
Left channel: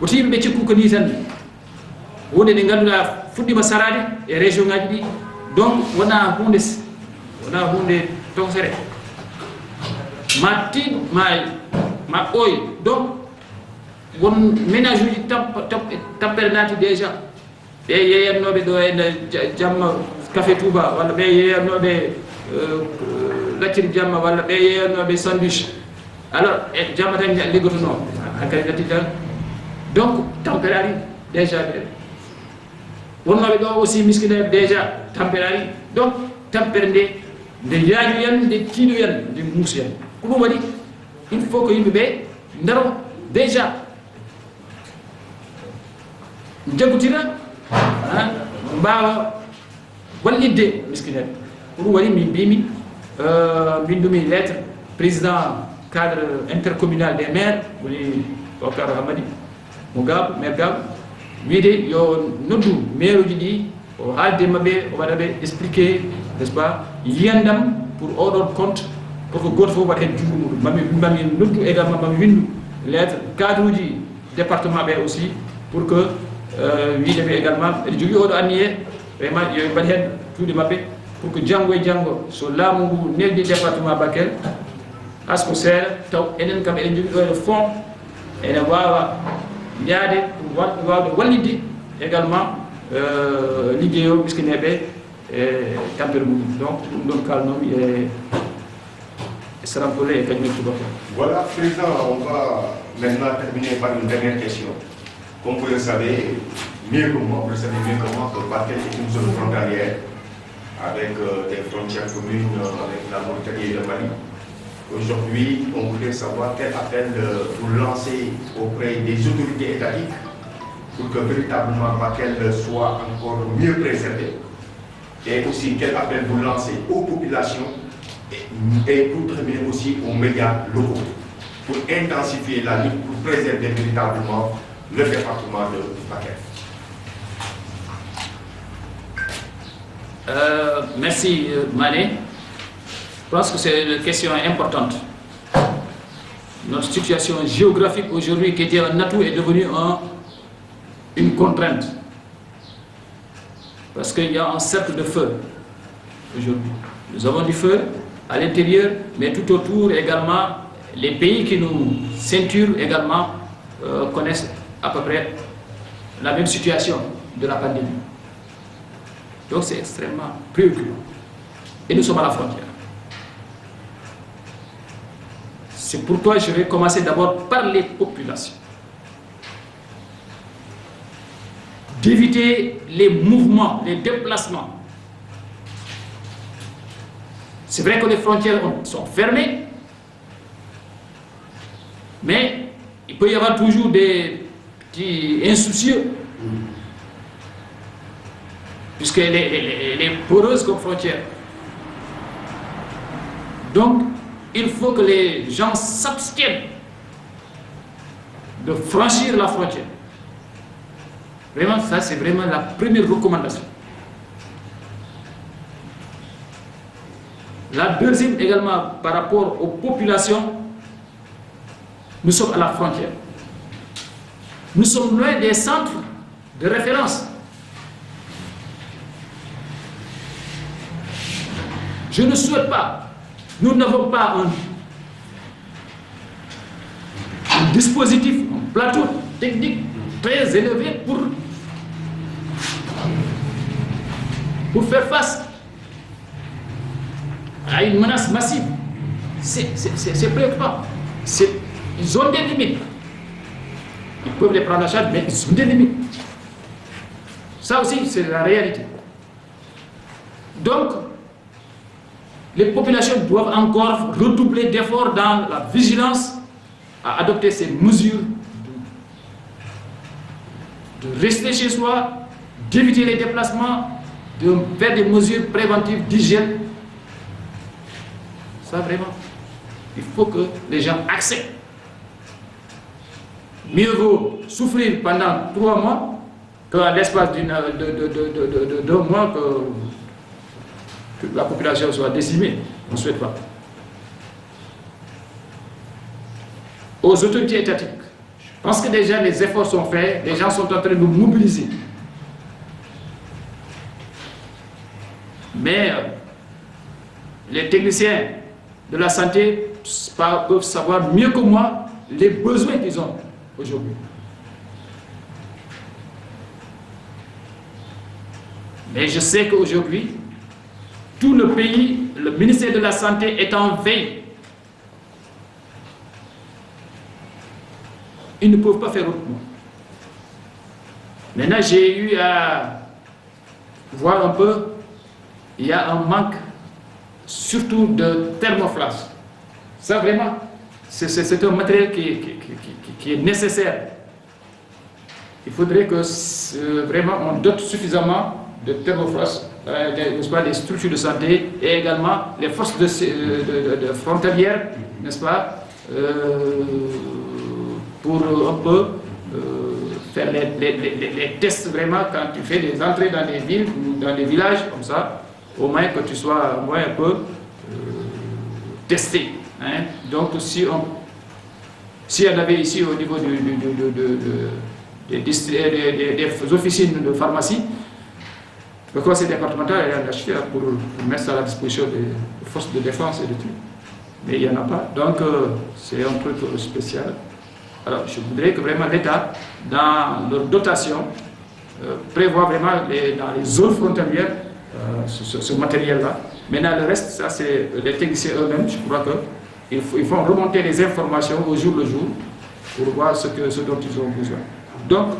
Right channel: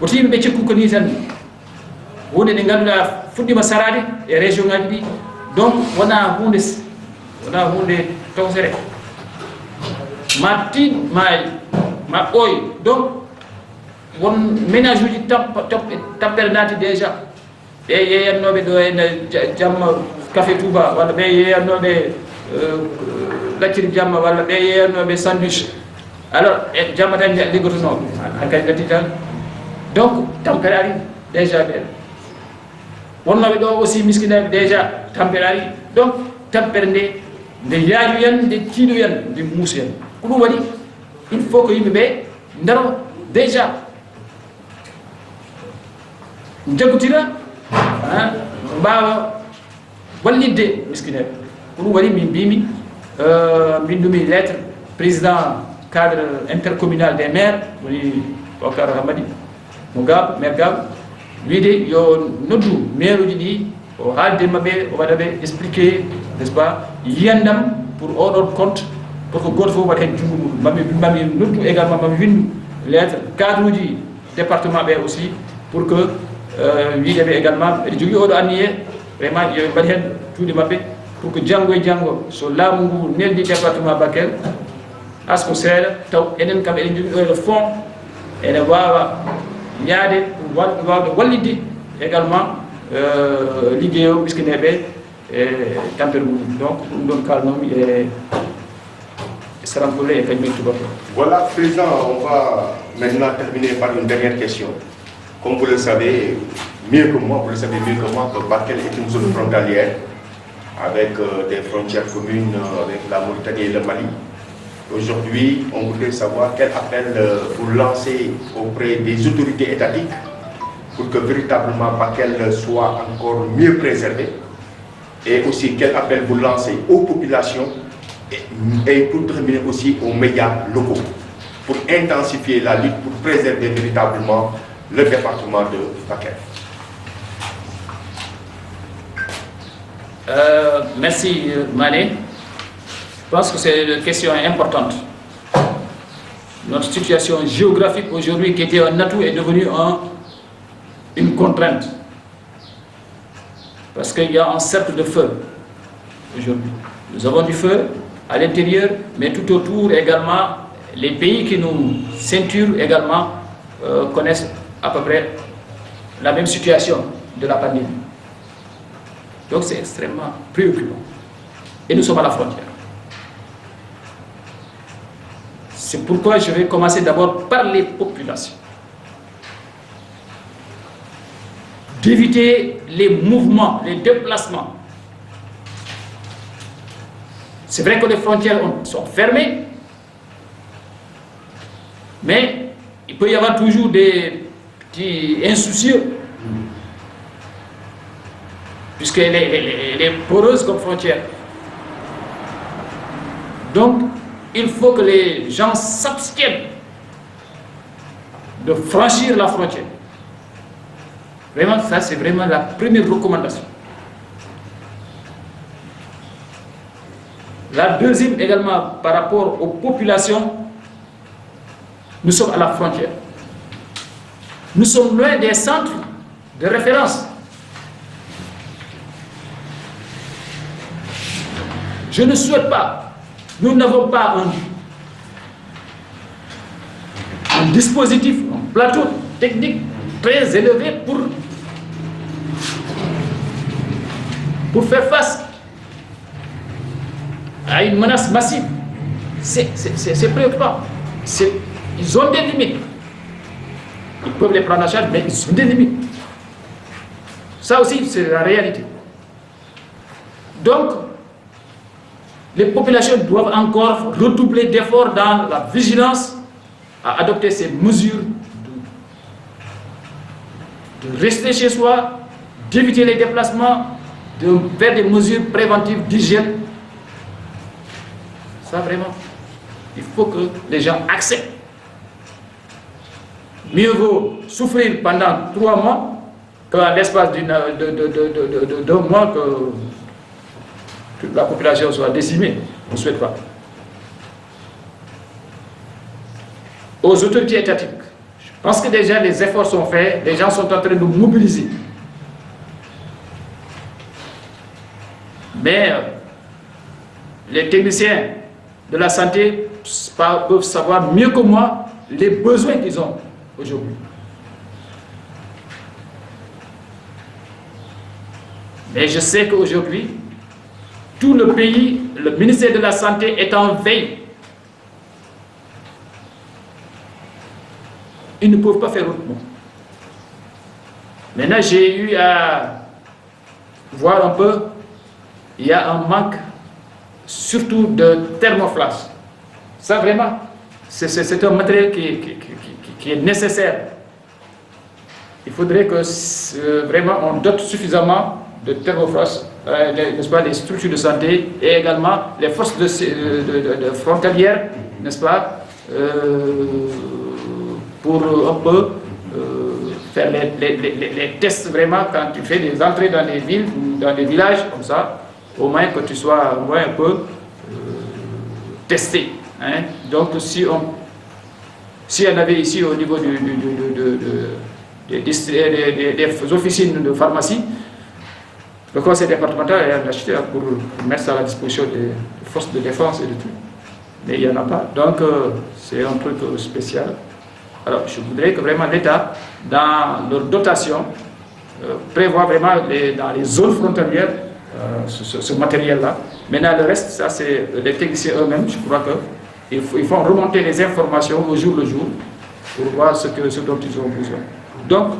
woto yimɓe ɓe cikku ko ni tan wonde nde ganduɗa fuɗɗima sarade e région ngaji ɗi donc wona hunde tokosere ma tid ma ɓooy donc won ménage uji tampere naati déjà ɓe yeyannoɓe ɗo ene jamma café touba walla ɓe yeyannoɓe lacciri jamma walla ɓe yeyannoɓe sandwich alors e jamma tan liggotono hakkadi gatti tan donc tampere ari déjà ɓe wonnoɓe ɗo aussi miskinaɓe déjà tampere ari donc tampere nde yaaju yen nde tiiɗo yen nde muusi yen ko ɗum waɗi il faut que yimɓeɓe ndaro déjà jaggotira mbawa wallidde miskineɓe ko ɗum waɗi min mbimi mbindumi lettre président cadre intercommunal des maires woni Bocar Hamadi mo Gab maire Gab wiide yo noddu maire uji ɗi o haalde mabɓe o waɗaɓe expliqué n'est ce pas yiyandam pour oɗon compte pour que goto fof waɗa hen junngo muɗum mami noddu également mami windu lettre cadre uji département ɓe aussi pour que wiideɓe également eɗe jogui oɗo anniye vraiment yo mbaɗi hen juuɗe mabɓe pour que janggo e janggo so laamu ngu neldi département Bakel asko seeɗa taw enen kam eɗen jogui ɗo e fond ene wawa yaade wawde wallidde également ligguey o miskineɓe e tampere muɗum donc ɗum ɗon kalnomi e Saramkoulé et Kagmé Toubako. Voilà, Président, on va maintenant terminer par une dernière question. Comme vous le savez mieux que moi, que Bakel est une zone frontalière avec des frontières communes avec la Mauritanie et le Mali. Aujourd'hui, on voudrait savoir quel appel vous lancez auprès des autorités étatiques pour que véritablement Bakel soit encore mieux préservé, et aussi quel appel vous lancez aux populations et pour terminer aussi aux médias locaux pour intensifier la lutte pour préserver véritablement le département de Bakel. Merci Mané. Je pense que c'est une question importante. Notre situation géographique aujourd'hui qui était un atout est devenue une contrainte. Parce qu'il y a un cercle de feu aujourd'hui. Nous avons du feu à l'intérieur, mais tout autour également, les pays qui nous ceinturent également connaissent à peu près la même situation de la pandémie. Donc c'est extrêmement préoccupant. Et nous sommes à la frontière. C'est pourquoi je vais commencer d'abord par les populations. D'éviter les mouvements, les déplacements. C'est vrai que les frontières sont fermées, mais il peut y avoir toujours des petits insoucieux, puisqu'elle est poreuse comme frontière. Donc, il faut que les gens s'abstiennent de franchir la frontière. Vraiment, ça c'est vraiment la première recommandation. La deuxième également, par rapport aux populations, nous sommes à la frontière. Nous sommes loin des centres de référence. Je ne souhaite pas, nous n'avons pas un dispositif, un plateau technique très élevé pour faire face à une menace massive. C'est préoccupant. Ils ont des limites. Ils peuvent les prendre en charge, mais ils ont des limites. Ça aussi, c'est la réalité. Donc, les populations doivent encore redoubler d'efforts dans la vigilance à adopter ces mesures de rester chez soi, d'éviter les déplacements, de faire des mesures préventives d'hygiène. Ça vraiment, il faut que les gens acceptent. Mieux vaut souffrir pendant 3 mois qu'à l'espace d'un mois que toute la population soit décimée. On ne souhaite pas. Aux autorités étatiques, je pense que déjà les efforts sont faits, les gens sont en train de mobiliser. Mais les techniciens de la santé peuvent savoir mieux que moi les besoins qu'ils ont aujourd'hui. Mais je sais qu'aujourd'hui, tout le pays, le ministère de la Santé est en veille. Ils ne peuvent pas faire autrement. Maintenant, j'ai eu à voir un peu, il y a un manque surtout de thermoflash. Ça vraiment, c'est un matériel qui est nécessaire. Il faudrait que vraiment on dote suffisamment de thermofrost, n'est-ce pas, les structures de santé et également les forces de frontalières, n'est-ce pas, pour un peu faire les tests vraiment quand tu fais des entrées dans les villes, dans les villages comme ça, au moins que tu sois au moins un peu testé. Hein. Donc si on avait ici au niveau des officines de pharmacie, le conseil départemental a acheté pour mettre ça à la disposition des forces de défense et de tout. Mais il n'y en a pas. Donc c'est un truc spécial. Alors je voudrais que vraiment l'État, dans leur dotation, prévoit vraiment dans les zones frontalières ce matériel-là. Maintenant le reste, ça c'est les techniciens eux-mêmes, je crois qu'ils font remonter les informations au jour le jour pour voir ce dont ils ont besoin. Donc,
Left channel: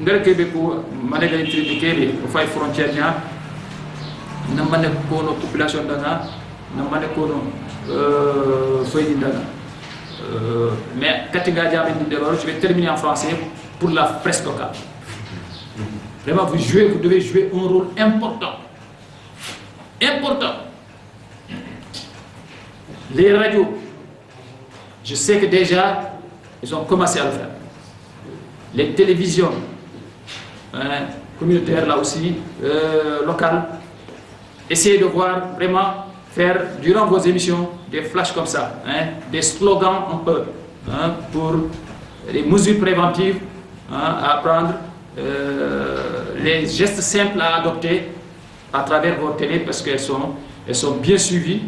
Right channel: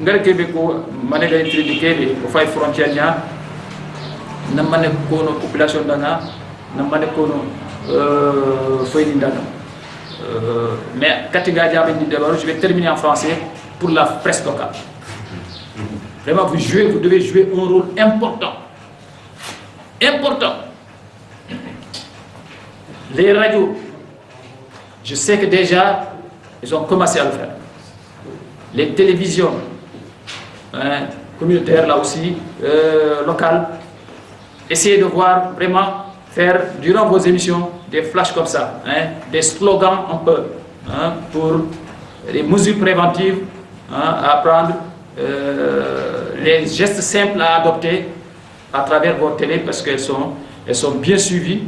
ngare kebe ko manega trade kebe o fay frontière nya na mané ko no population dana na mané ko no fayni dana mais katinga jabe ni d'abord je vais terminer en français pour la presse locale. Vraiment vous devez jouer un rôle important. Les radios, je sais que déjà ils ont commencé à le faire. Les télévisions communautaires là aussi, locales, essayez de voir vraiment faire durant vos émissions des flashs comme ça, des slogans un peu pour les mesures préventives à prendre, les gestes simples à adopter à travers vos télés parce qu'elles sont bien suivies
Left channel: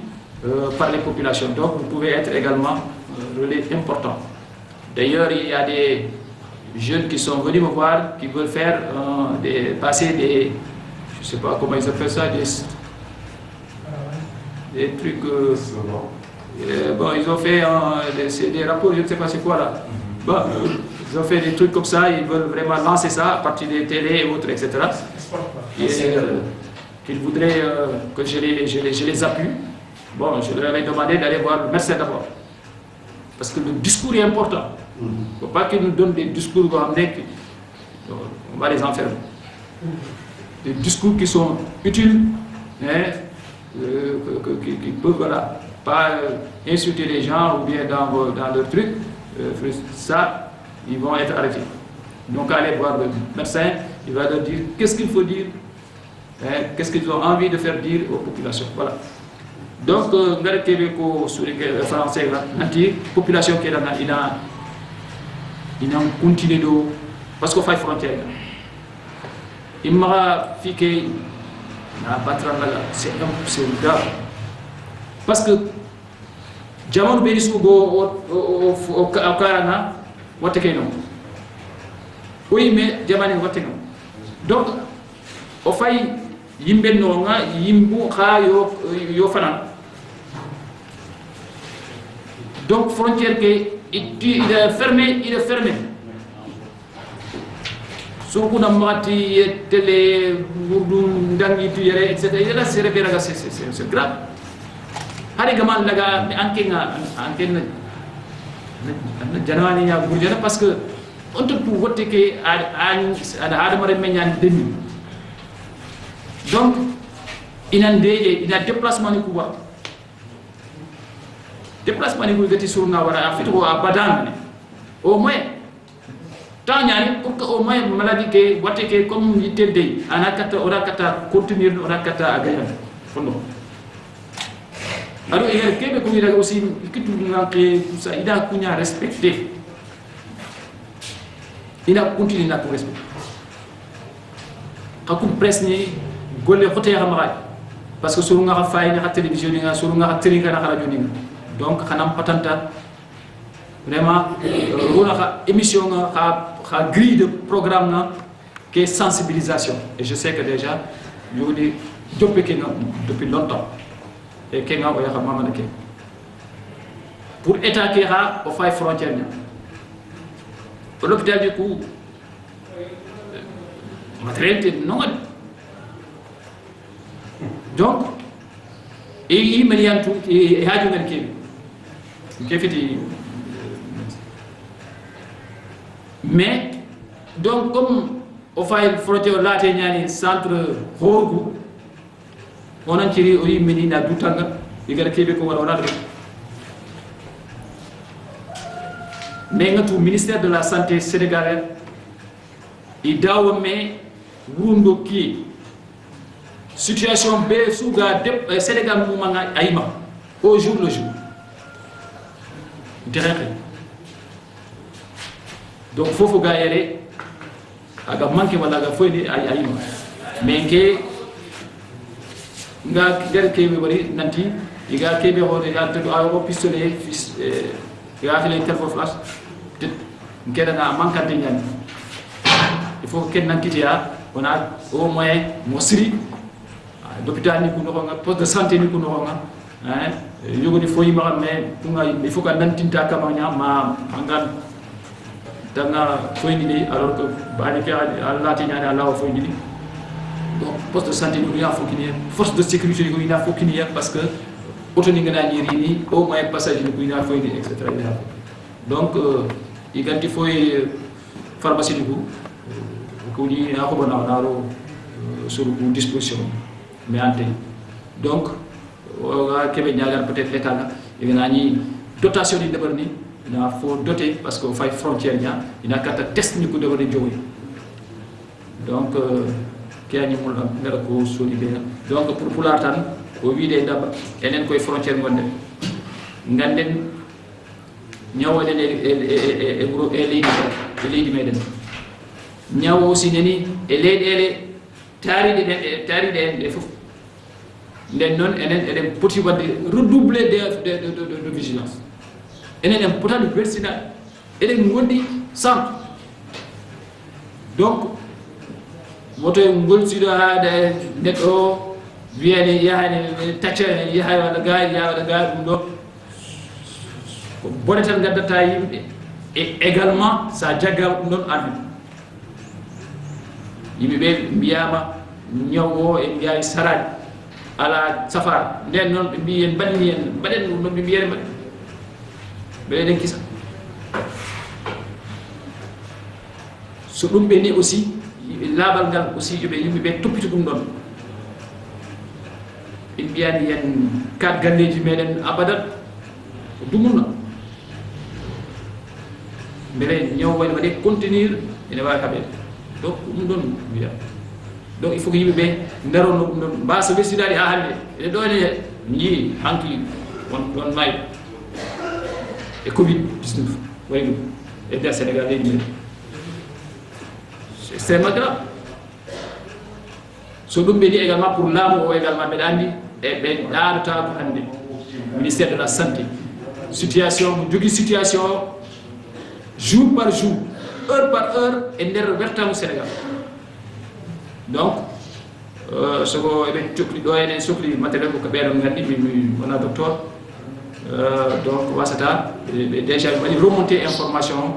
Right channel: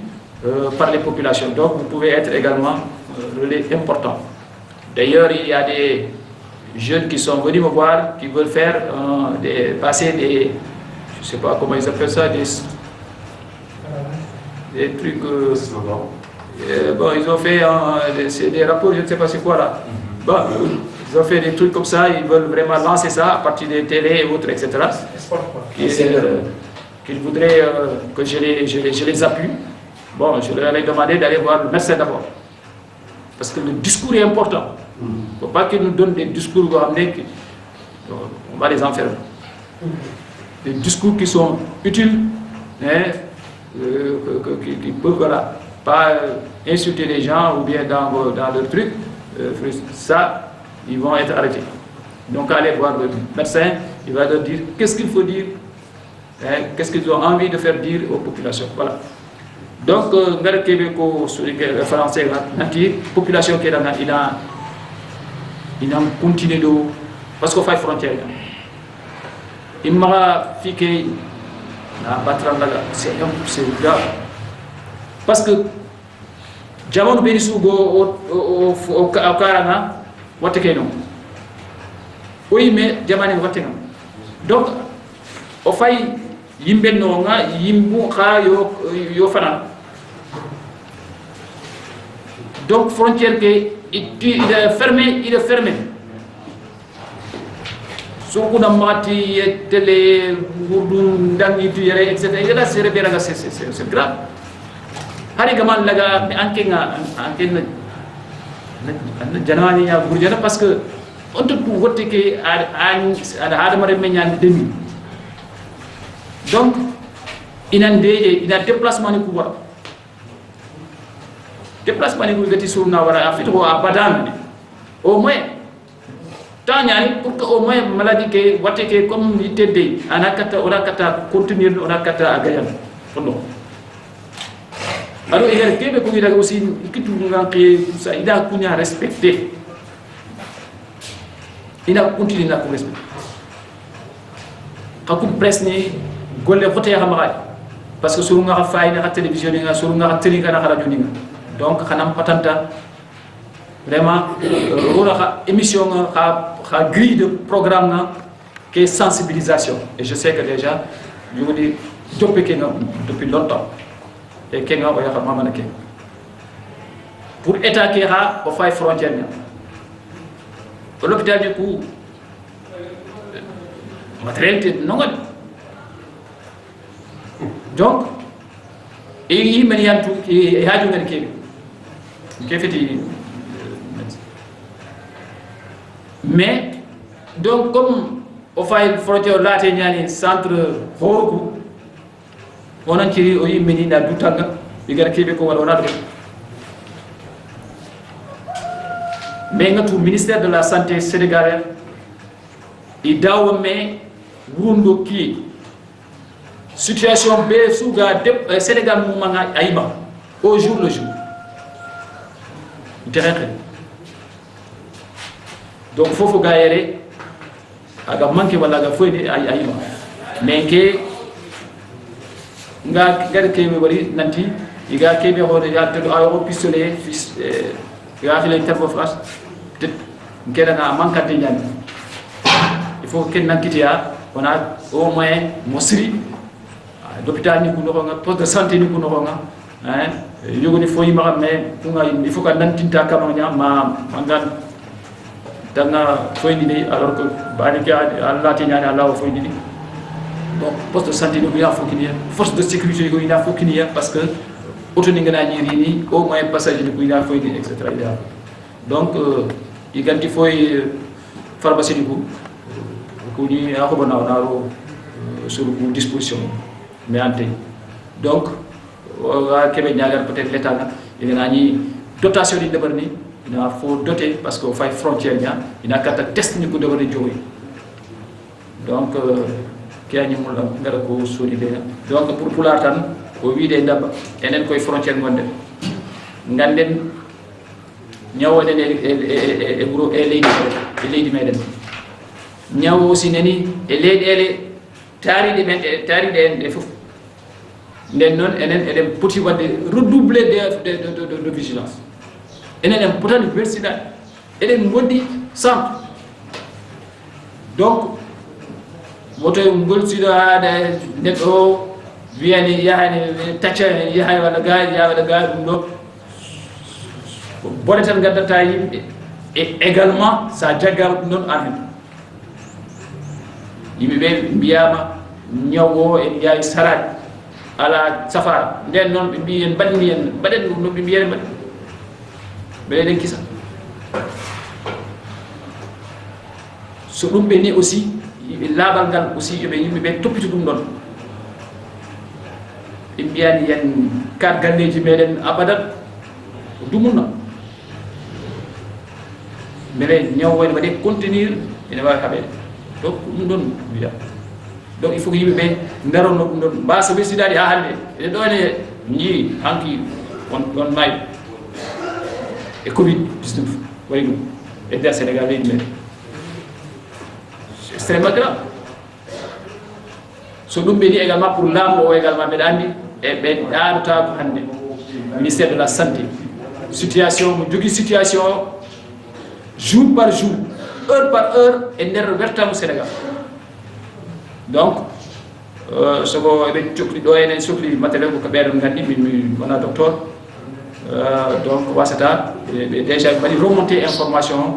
par les populations. Donc vous pouvez être également relais important. D'ailleurs, il y a des jeunes qui sont venus me voir, qui veulent faire passer des, je ne sais pas comment ils appellent ça, des trucs. Bon, ils ont fait des rapports, je ne sais pas c'est quoi là. Bon, ils ont fait des trucs comme ça, ils veulent vraiment lancer ça à partir des télés et autres, etc. Qu'ils voudraient que je les appuie. Bon, je leur ai demandé d'aller voir le médecin d'abord. Parce que le discours est important. Il ne faut pas qu'ils nous donnent des discours on va les enfermer. Des discours qui sont utiles, qui peuvent, voilà, pas insulter les gens ou bien dans leur truc. Ça, ils vont être arrêtés. Donc, allez voir le médecin, il va leur dire qu'est-ce qu'il faut dire, qu'est-ce qu'ils ont envie de faire dire aux populations. Voilà. Donc, ngare kebe ko sur les français nanti population qui il a continué de parce qu'on fait frontière. Il m'a fait que na battre là c'est grave. Parce que jamon be sugo au karana watake non. Oui mais jamani watake non. Donc au fait yimbe no nga yimbu kha yo fanan. Donc frontière que il est fermé. Surtout dans Mati, télé, Gourdou, Dangi, Tuyere, etc. C'est grave. Harigaman laga ankenga janani ya Gourdjana parce que on te vote que à Hadamare Menyan demi. Donc il a déplacement ni kuba. Déplacement ni kuba sur Nawara a fait à Badan. Au moins tant pour que au moins maladie que wateke comme il t'aide on a kata continuer on a kata agayan fondo alors il y a Québec qui est aussi qui tout ça il a kunya respecter il a continué na respecter comme presse ni golle voter xamay parce que suru nga fay na télévision nga suru nga télé nga na radio ni donc xanam patanta vraiment rôle émission a grille de programme qui est sensibilisation et je sais que déjà je vous dis depuis longtemps et que nga oya xamama nak pour état qui a au fay frontière l'hôpital du coup matériel non donc et il me y a tout qui haju ngel kefiti mais donc comme o fay frontière laate ñani centre horgu onon ciri o yimmini na dutanga igara kebe ko wala wala do mais ngatu ministère de la santé sénégalais i dawo me wundo ki situation be suga de Sénégal mu manga ayima au jour le jour terrain donc fofu gaayere aga manke wala ga foyni ayima mais ke nga gar kebe bari nanti iga kebe hore ya to ayo pistolet fils ga fi lay terfo flash peut ngeda nga mankante ñani il faut ken nankitiya wana au moins mosri l'hôpital ni kuno nga poste de santé ni kuno nga hein yogoni foyi ma mais kunga il faut ka nantinta kamanya ma mangan danga foyi ni alors que bani ka Allah ti ñani Allah foyi ni donc poste de santé ni ko ya fokini force de sécurité ko ina fokini parce que auto ni ngana ni rini au moins passage ni ko ina foyi ni etc. donc iganti foyi pharmacie ni ko ni akobana naro sur disposition mais ante donc ga kebe ñagar peut-être l'état là il a ni dotation di debarni il faut doter parce que fay frontière nya ina kata test ni ko debarni jowi donc kiani mul ngara ko soni be donc pour pulatan o wiide ndaba enen koy frontière gonde nganden ñawonen e buro e leydi meden ñaw aussi neni e leydele taariɗe men taariɗe en fof nden noon enen eɗen poti wadde redoubler de vigilance enen en potani wersinade eɗen gondi centre donc woto golsiɗo haade neɗɗo wiyani yahani tacca yahay waɗa gaari ya waɗa gaari ɗum ɗo ko bone tan gaddata yimɓe et également sa jaggama ɗum noon an hen yimɓeɓe mbiyama ñaw o en mbiyawi sarade ala safara nden noon ɓe mbi en mbaɗini en mbaɗen no ɓe mbiyene mbaɗi mbeɗen kisa so ɗum ɓe ni aussi laaɓal ngal aussi yoɓe yimɓeɓe toppito ɗum ɗon ɓe mbiyani yen 4 galleji meɗen abadan ko dumunna mbele ñaw wayno waɗe contenir ene wawi haɓede donc ɗum ɗon wiya donc il faut que yimɓe ɓe darono ɗum ɗon mbasa wessidade ha hande ene ɗo ene jii hanki on maayi e covid 19 waɗi ɗum e nder Sénégal leydi men c'est extrêmement grave so ɗum ɓe ni également pour laamu o également mbeɗa andi e ɓe ɗaɗota ko hande ministère de la santé situation mo jogui situation jour par jour heure par heure e nder wertamu Sénégal donc soko eɓe cohli ɗo enen sohli matériel ko ɓeɗon gandi mi wona docteur donc wasata ɓe déjà ɓe mbaɗi remonté information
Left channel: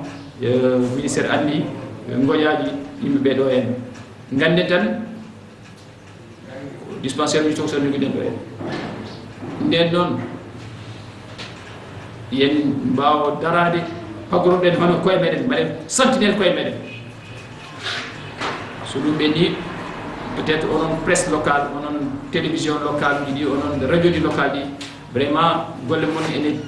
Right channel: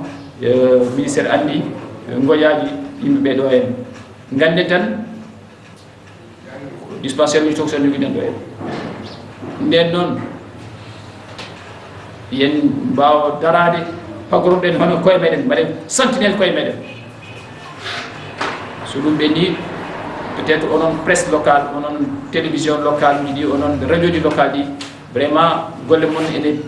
ministére andi goƴaji yimɓeɓe ɗo en ganden tan dispensaire uji tokson joguiɗen ɗo en nden noon yen mbawa darade pagoroɗen hono koye meɗen mbaɗen sentinelle koye meɗen so ɗum ɓe ni peut être onon presse locale onon télévision locale uji ɗi onon radio ji locale ɗi vraiment golle mon ene